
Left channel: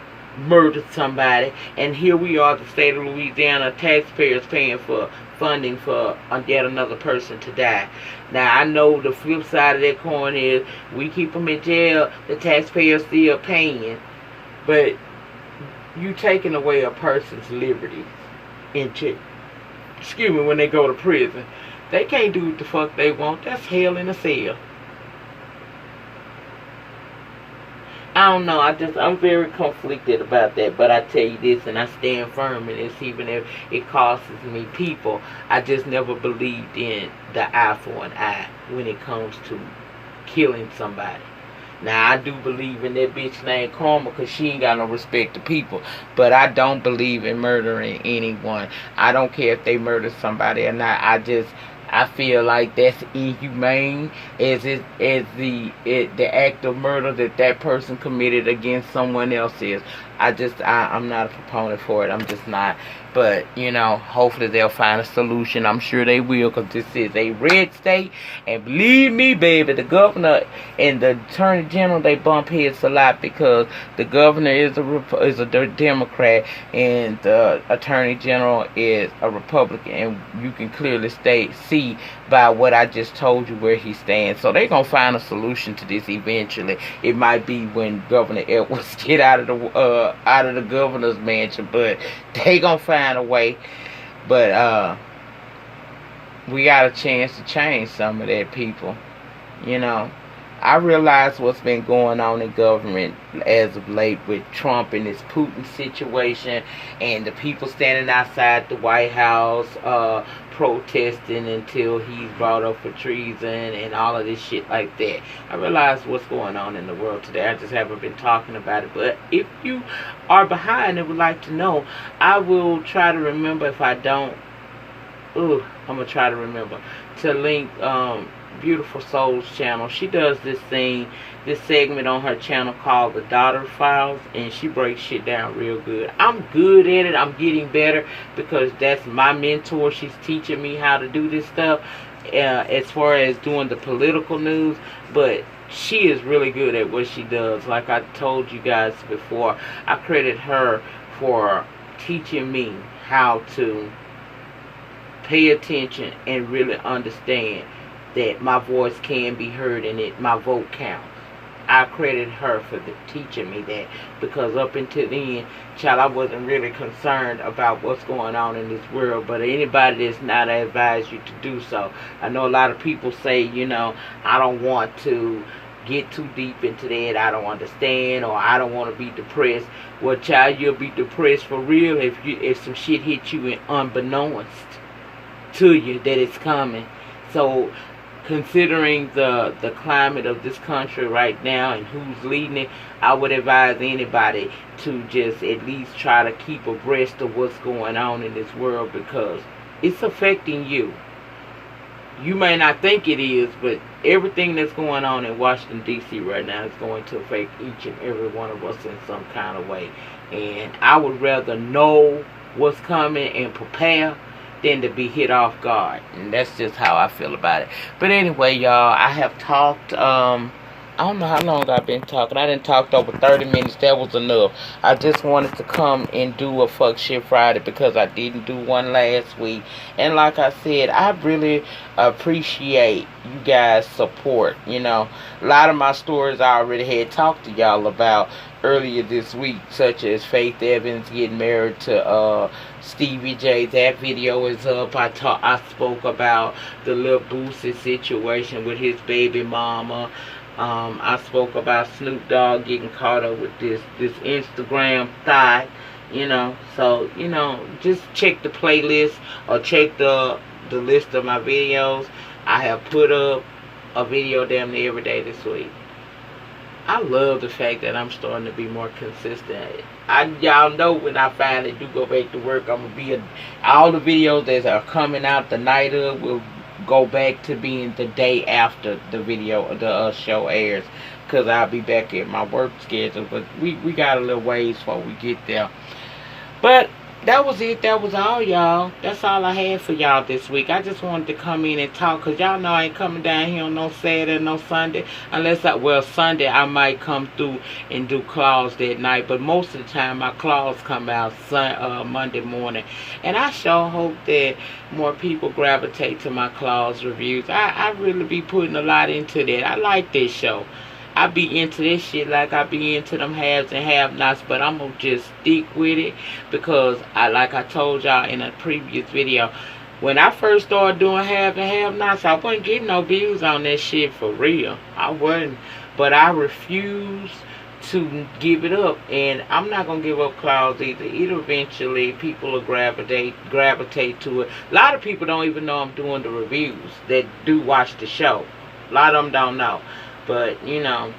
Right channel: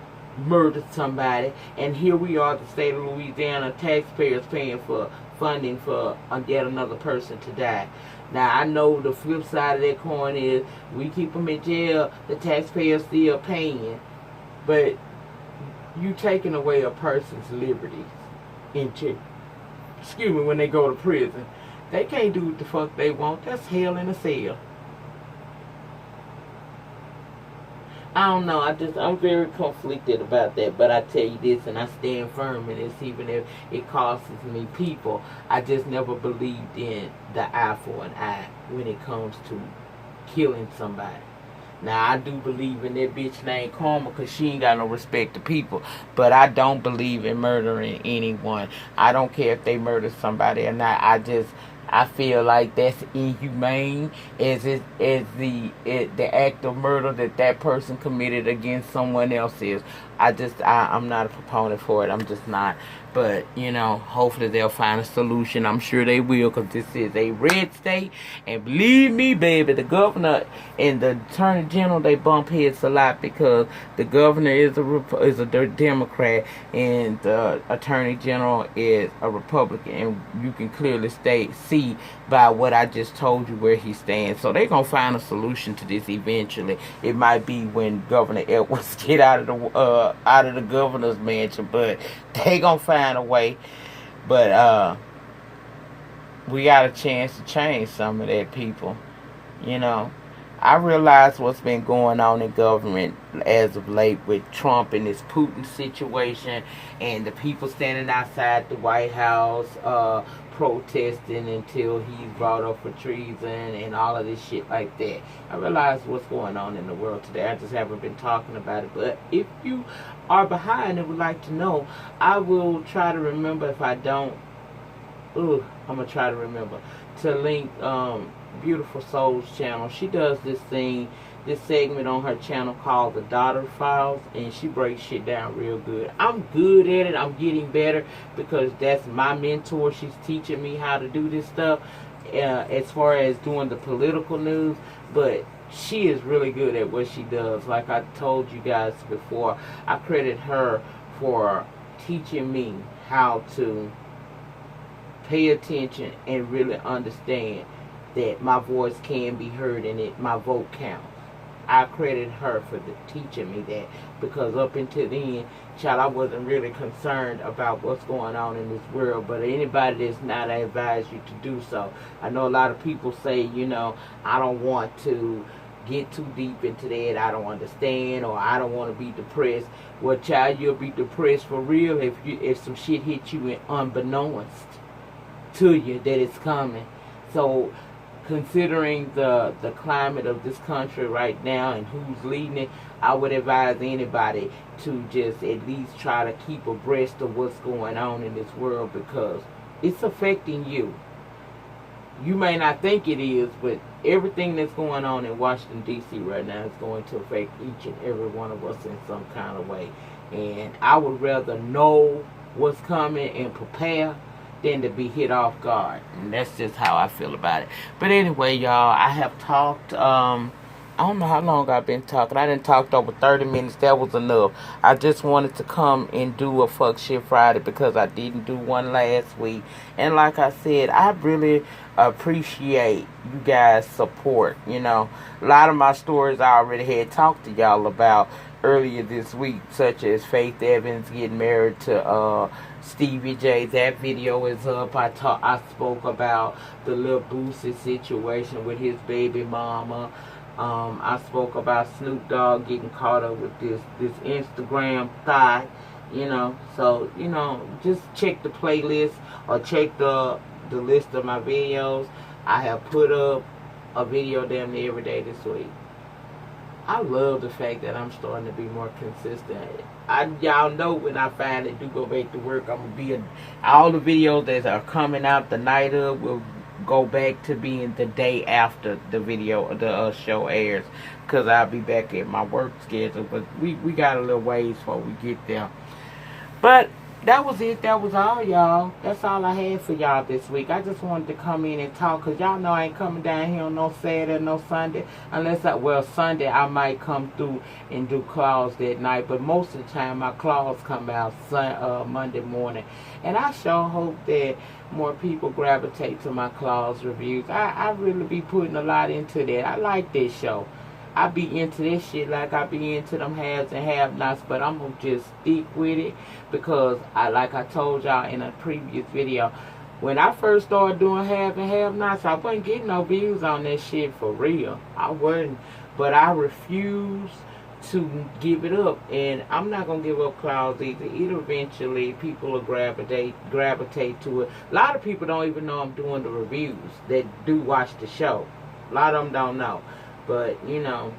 somebody, and here we are, the state of Louisiana, taxpayers paying for funding for yet another person to die. Now, I know the flip side of that coin is we keep them in jail, the taxpayers still paying, but you taking away a person's liberties in jail. Excuse me, when they go to prison. They can't do what the fuck they want. That's hell in a cell. I don't know. I'm very conflicted about that. But I tell you this, and I stand firm in this, even if it costs me people. I just never believed in the eye for an eye when it comes to killing somebody. Now, I do believe in that bitch named Karma because she ain't got no respect to people. But I don't believe in murdering anyone. I don't care if they murder somebody or not. I feel like that's inhumane as the act of murder that person committed against someone else is. I'm not a proponent for it. I'm just not. But, hopefully they'll find a solution. I'm sure they will, because this is a red state. And believe me, baby, the governor and the attorney general, they bump heads a lot, because the governor is a Democrat and the attorney general is a Republican. And you can clearly see by what I just told you where he stands. So they're going to find a solution to this eventually. It might be when Governor Edwards get out of the governor's mansion, but they going to find a way. But we got a chance to change some of that, people. I realize what's been going on in government as of late with Trump and this Putin situation, and the people standing outside the White House protesting until he's brought up for treason and all of this shit like that. I realize what's going on in the world today. I just haven't been talking about it. But if you are behind and would like to know, I will try to remember. If I don't, I'm going to try to remember to link Beautiful Souls channel. She does this segment on her channel called The Daughter Files, and she breaks shit down real good. I'm good at it. I'm getting better because that's my mentor. She's teaching me how to do this stuff as far as doing the political news, but she is really good at what she does. Like I told you guys before, I credit her for teaching me how to pay attention and really understand that my voice can be heard and my vote counts. I credit her for teaching me that, because up until then, child, I wasn't really concerned about what's going on in this world. But anybody that's not, I advise you to do so. I know a lot of people say, I don't want to get too deep into that, I don't understand, or I don't want to be depressed. Well, child, you'll be depressed for real if some shit hits you and unbeknownst to you that it's coming. So, considering the climate of this country right now and who's leading it, I would advise anybody to just at least try to keep abreast of what's going on in this world, because it's affecting you. You may not think it is, but everything that's going on in Washington, D.C. right now is going to affect each and every one of us in some kind of way. And I would rather know what's coming and prepare than to be hit off guard. And that's just how I feel about it. But anyway, y'all, I have talked, I don't know how long I've been talking. I didn't talk over 30 minutes. That was enough. I just wanted to come and do a Fuck Shit Friday because I didn't do one last week. And like I said, I really appreciate you guys' support. A lot of my stories I already had talked to y'all about earlier this week, such as Faith Evans getting married to Stevie J. That video is up. I spoke about the Lil Boosie situation with his baby mama. I spoke about Snoop Dogg getting caught up with this Instagram thot. So just check the playlist or check the list of my videos. I have put up a video damn near every day this week. I love the fact that I'm starting to be more consistent. Y'all know when I finally do go back to work, I'm going to be all the videos that are coming out the night of will go back to being the day after the show airs, because I'll be back at my work schedule. But we got a little ways before we get there. But that was it. That was all, y'all. That's all I had for y'all this week. I just wanted to come in and talk, because y'all know I ain't coming down here on no Saturday, no Sunday. Unless well, Sunday I might come through and do claws that night. But most of the time, my claws come out Monday morning. And I sure hope that more people gravitate to my claws reviews. I really be putting a lot into that. I like this show. I be into this shit like I be into them haves and have-nots, but I'm gonna just stick with it, because like I told y'all in a previous video, when I first started doing have and have-nots, I wasn't getting no views on that shit for real. I wasn't, but I refuse to give it up, and I'm not gonna give up claws either. It'll eventually, people will gravitate to it. A lot of people don't even know I'm doing the reviews that do watch the show. A lot of them don't know. But, you know,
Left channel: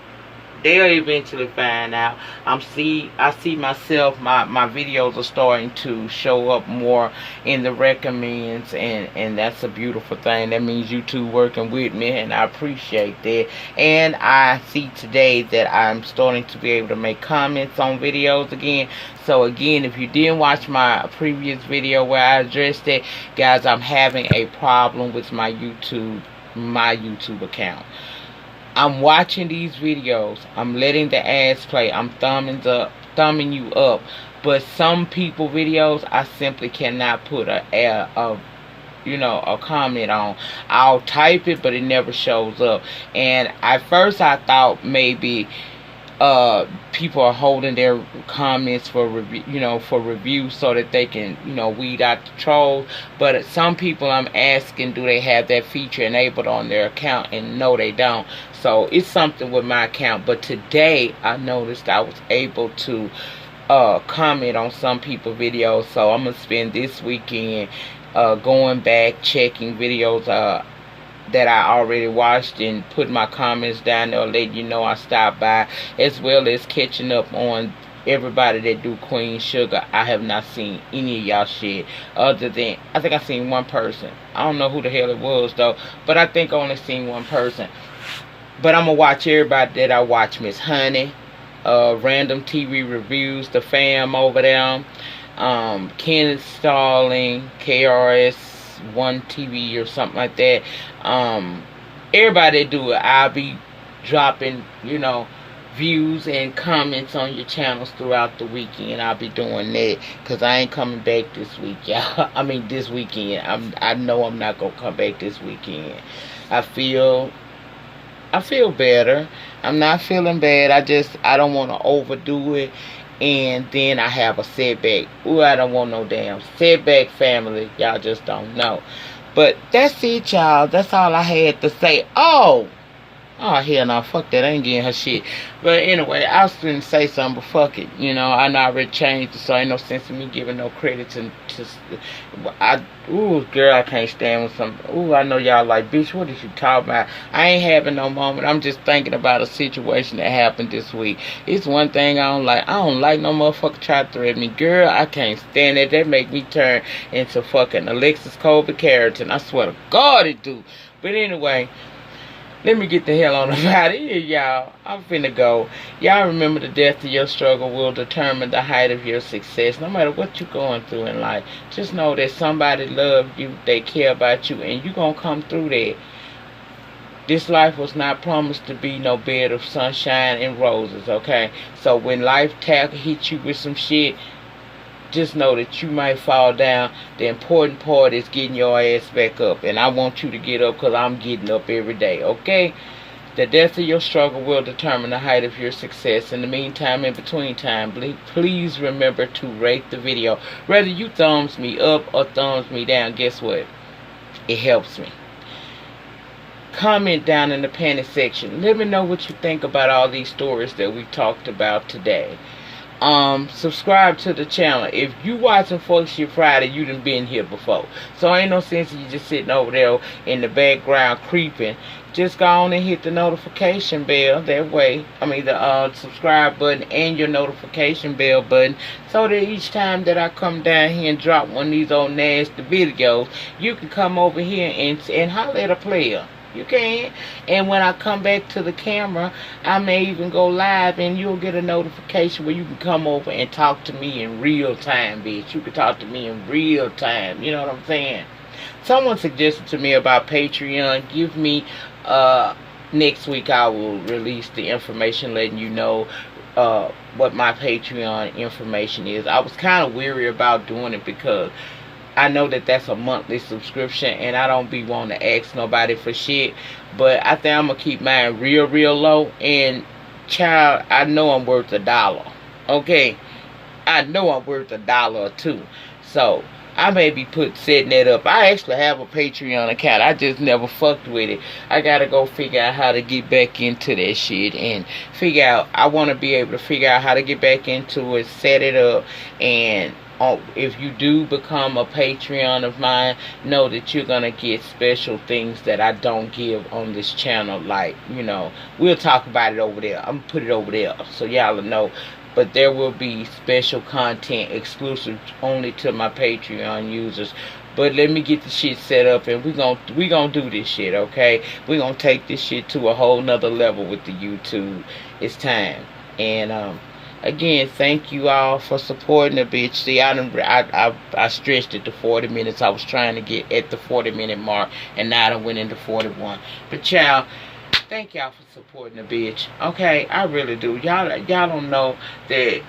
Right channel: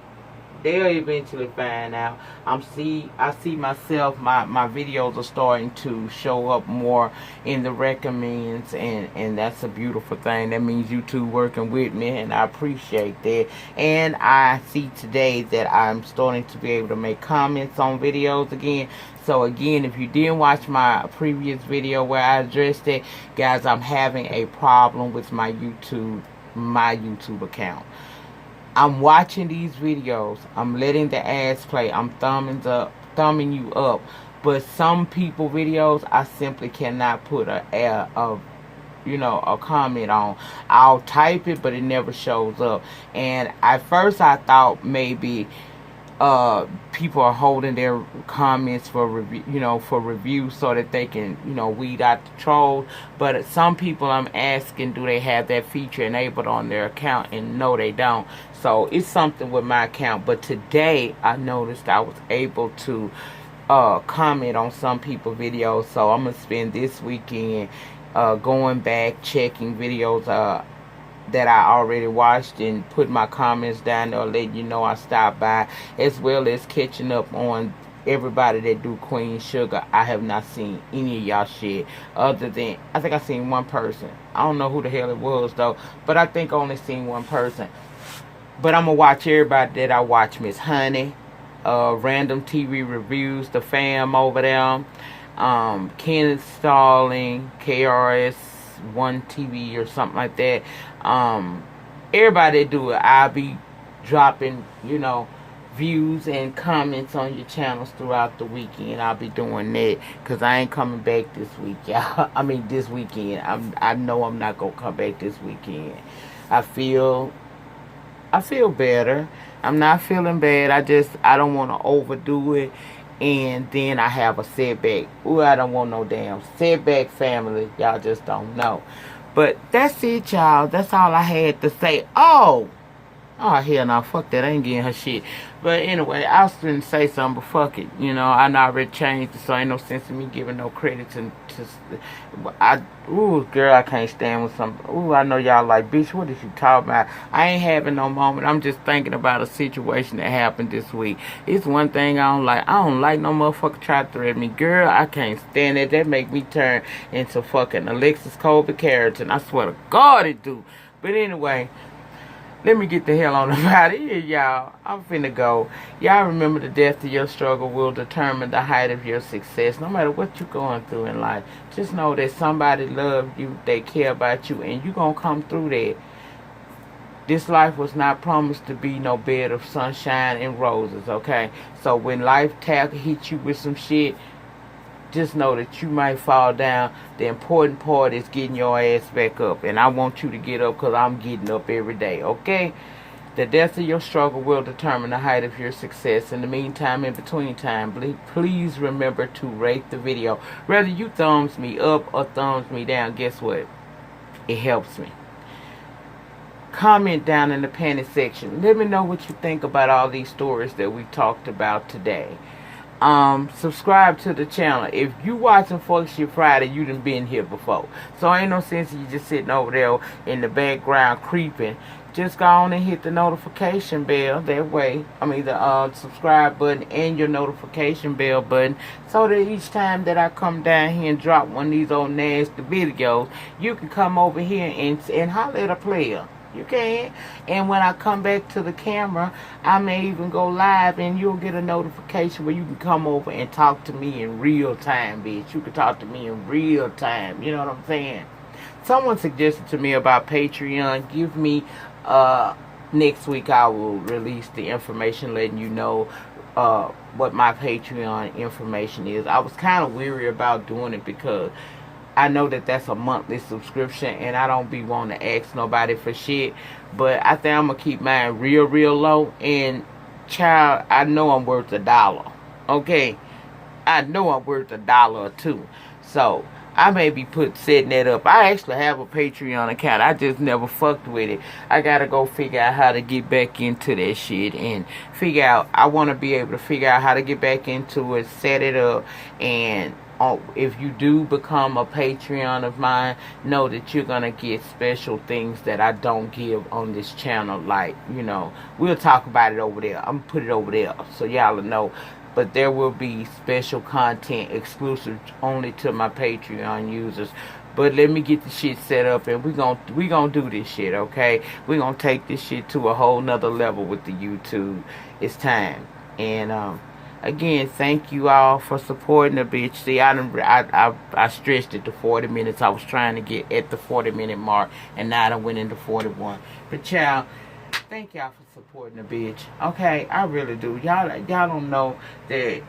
they'll eventually find out. I see myself, my videos are starting to show up more in the recommends, and that's a beautiful thing. That means YouTube working with me, and I appreciate that. And I see today that I'm starting to be able to make comments on videos again. So again, if you didn't watch my previous video where I addressed it, guys, I'm having a problem with my YouTube account. I'm watching these videos, I'm letting the ads play, I'm thumbing you up, but some people videos I simply cannot put a comment on. I'll type it, but it never shows up. And at first I thought maybe people are holding their comments for review, so that they can, weed out the trolls. But some people I'm asking, do they have that feature enabled on their account? And no, they don't. So it's something with my account. But today I noticed I was able to comment on some people's videos. So I'm gonna spend this weekend going back, checking videos that I already watched, and put my comments down there, let you know I stopped by, as well as catching up on everybody that do Queen Sugar. I have not seen any of y'all shit, other than I think I seen one person. I don't know who the hell it was though, but I think I only seen one person. But I'm gonna watch everybody that I watch. Miss Honey, Random TV Reviews, the fam over there, Kenneth Stalling, KRS1 TV or something like that. Everybody do it. I'll be dropping, views and comments on your channels throughout the weekend. I'll be doing that, because I ain't coming back this week, y'all. I mean, this weekend. I know I'm not gonna come back this weekend. I feel better. I'm not feeling bad. I don't want to overdo it, and then I have a setback. Ooh, I don't want no damn setback, family. Y'all just don't know. But that's it, y'all. That's all I had to say. Oh, hell no. Fuck that. I ain't getting her shit. But anyway, I was going to say something, but fuck it. I know I already changed it, so ain't no sense in me giving no credit to ooh, girl, I can't stand with something. Ooh, I know y'all like, bitch, what is you talking about? I ain't having no moment. I'm just thinking about a situation that happened this week. It's one thing I don't like. I don't like no motherfucker try to threaten me. Girl, I can't stand it. That make me turn into fucking Alexis Colby Carrington. I swear to God it do. But anyway, let me get the hell on about it here, y'all. I'm finna go. Y'all remember, the depth of your struggle will determine the height of your success. No matter what you're going through in life, just know that somebody loves you, they care about you, and you're gonna come through that. This life was not promised to be no bed of sunshine and roses, okay? So when life hits you with some shit, just know that you might fall down. The important part is getting your ass back up. And I want you to get up, because I'm getting up every day, okay? The depth of your struggle will determine the height of your success. In the meantime, in between time, please remember to rate the video. Whether you thumbs me up or thumbs me down, guess what? It helps me. Comment down in the comment section. Let me know what you think about all these stories that we talked about today. Subscribe to the channel. If you watching Fuck Shit Friday, you done been here before. So ain't no sense in you just sitting over there in the background creeping. Just go on and hit the notification bell. That way, the subscribe button and your notification bell button, so that each time that I come down here and drop one of these old nasty videos, you can come over here and holler at a player. You can. And when I come back to the camera, I may even go live and you'll get a notification where you can come over and talk to me in real time, bitch. You can talk to me in real time. You know what I'm saying? Someone suggested to me about Patreon. Give me, next week I will release the information letting you know what my Patreon information is. I was kind of weary about doing it because I know that that's a monthly subscription and I don't be wanting to ask nobody for shit. But I think I'm going to keep mine real, real low. And child, I know I'm worth $1. Okay? I know I'm worth $1 or $2. So I may be setting that up. I actually have a Patreon account. I just never fucked with it. I gotta go figure out how to get back into that shit and figure out. I want to be able to figure out how to get back into it, set it up, and if you do become a Patreon of mine, know that you're gonna get special things that I don't give on this channel. Like, you know, we'll talk about it over there. I'm gonna put it over there so y'all will know. But there will be special content exclusive only to my Patreon users. But let me get the shit set up and we gonna do this shit, okay? We gonna take this shit to a whole nother level with the YouTube. It's time. And again, thank you all for supporting the bitch. See, I stretched it to 40 minutes. I was trying to get at the 40-minute mark, and now I went into 41. But y'all, thank y'all for supporting the bitch. Okay, I really do. Y'all don't know that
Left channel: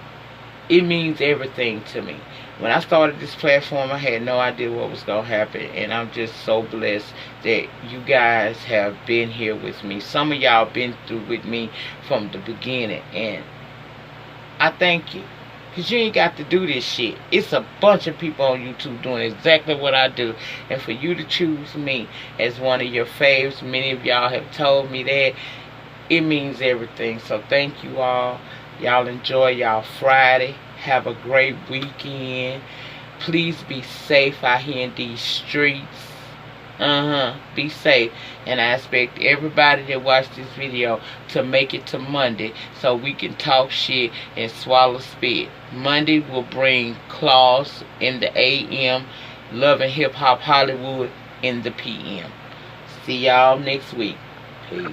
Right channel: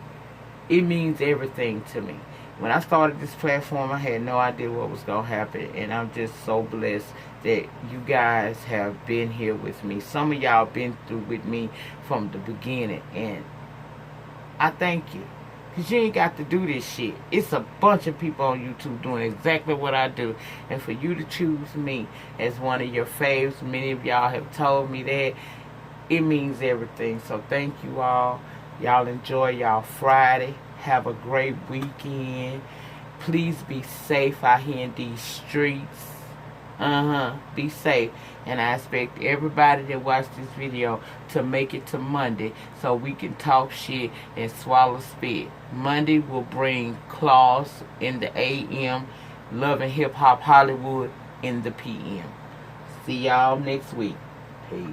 it means everything to me. When I started this platform, I had no idea what was going to happen. And I'm just so blessed that you guys have been here with me. Some of y'all been through with me from the beginning. And I thank you. Because you ain't got to do this shit. It's a bunch of people on YouTube doing exactly what I do. And for you to choose me as one of your faves, many of y'all have told me that, it means everything. So thank you all. Y'all enjoy y'all Friday. Have a great weekend. Please be safe out here in these streets. Be safe. And I expect everybody that watched this video to make it to Monday so we can talk shit and swallow spit. Monday will bring Claus in the AM, Love and Hip Hop Hollywood in the PM. See y'all next week. Peace.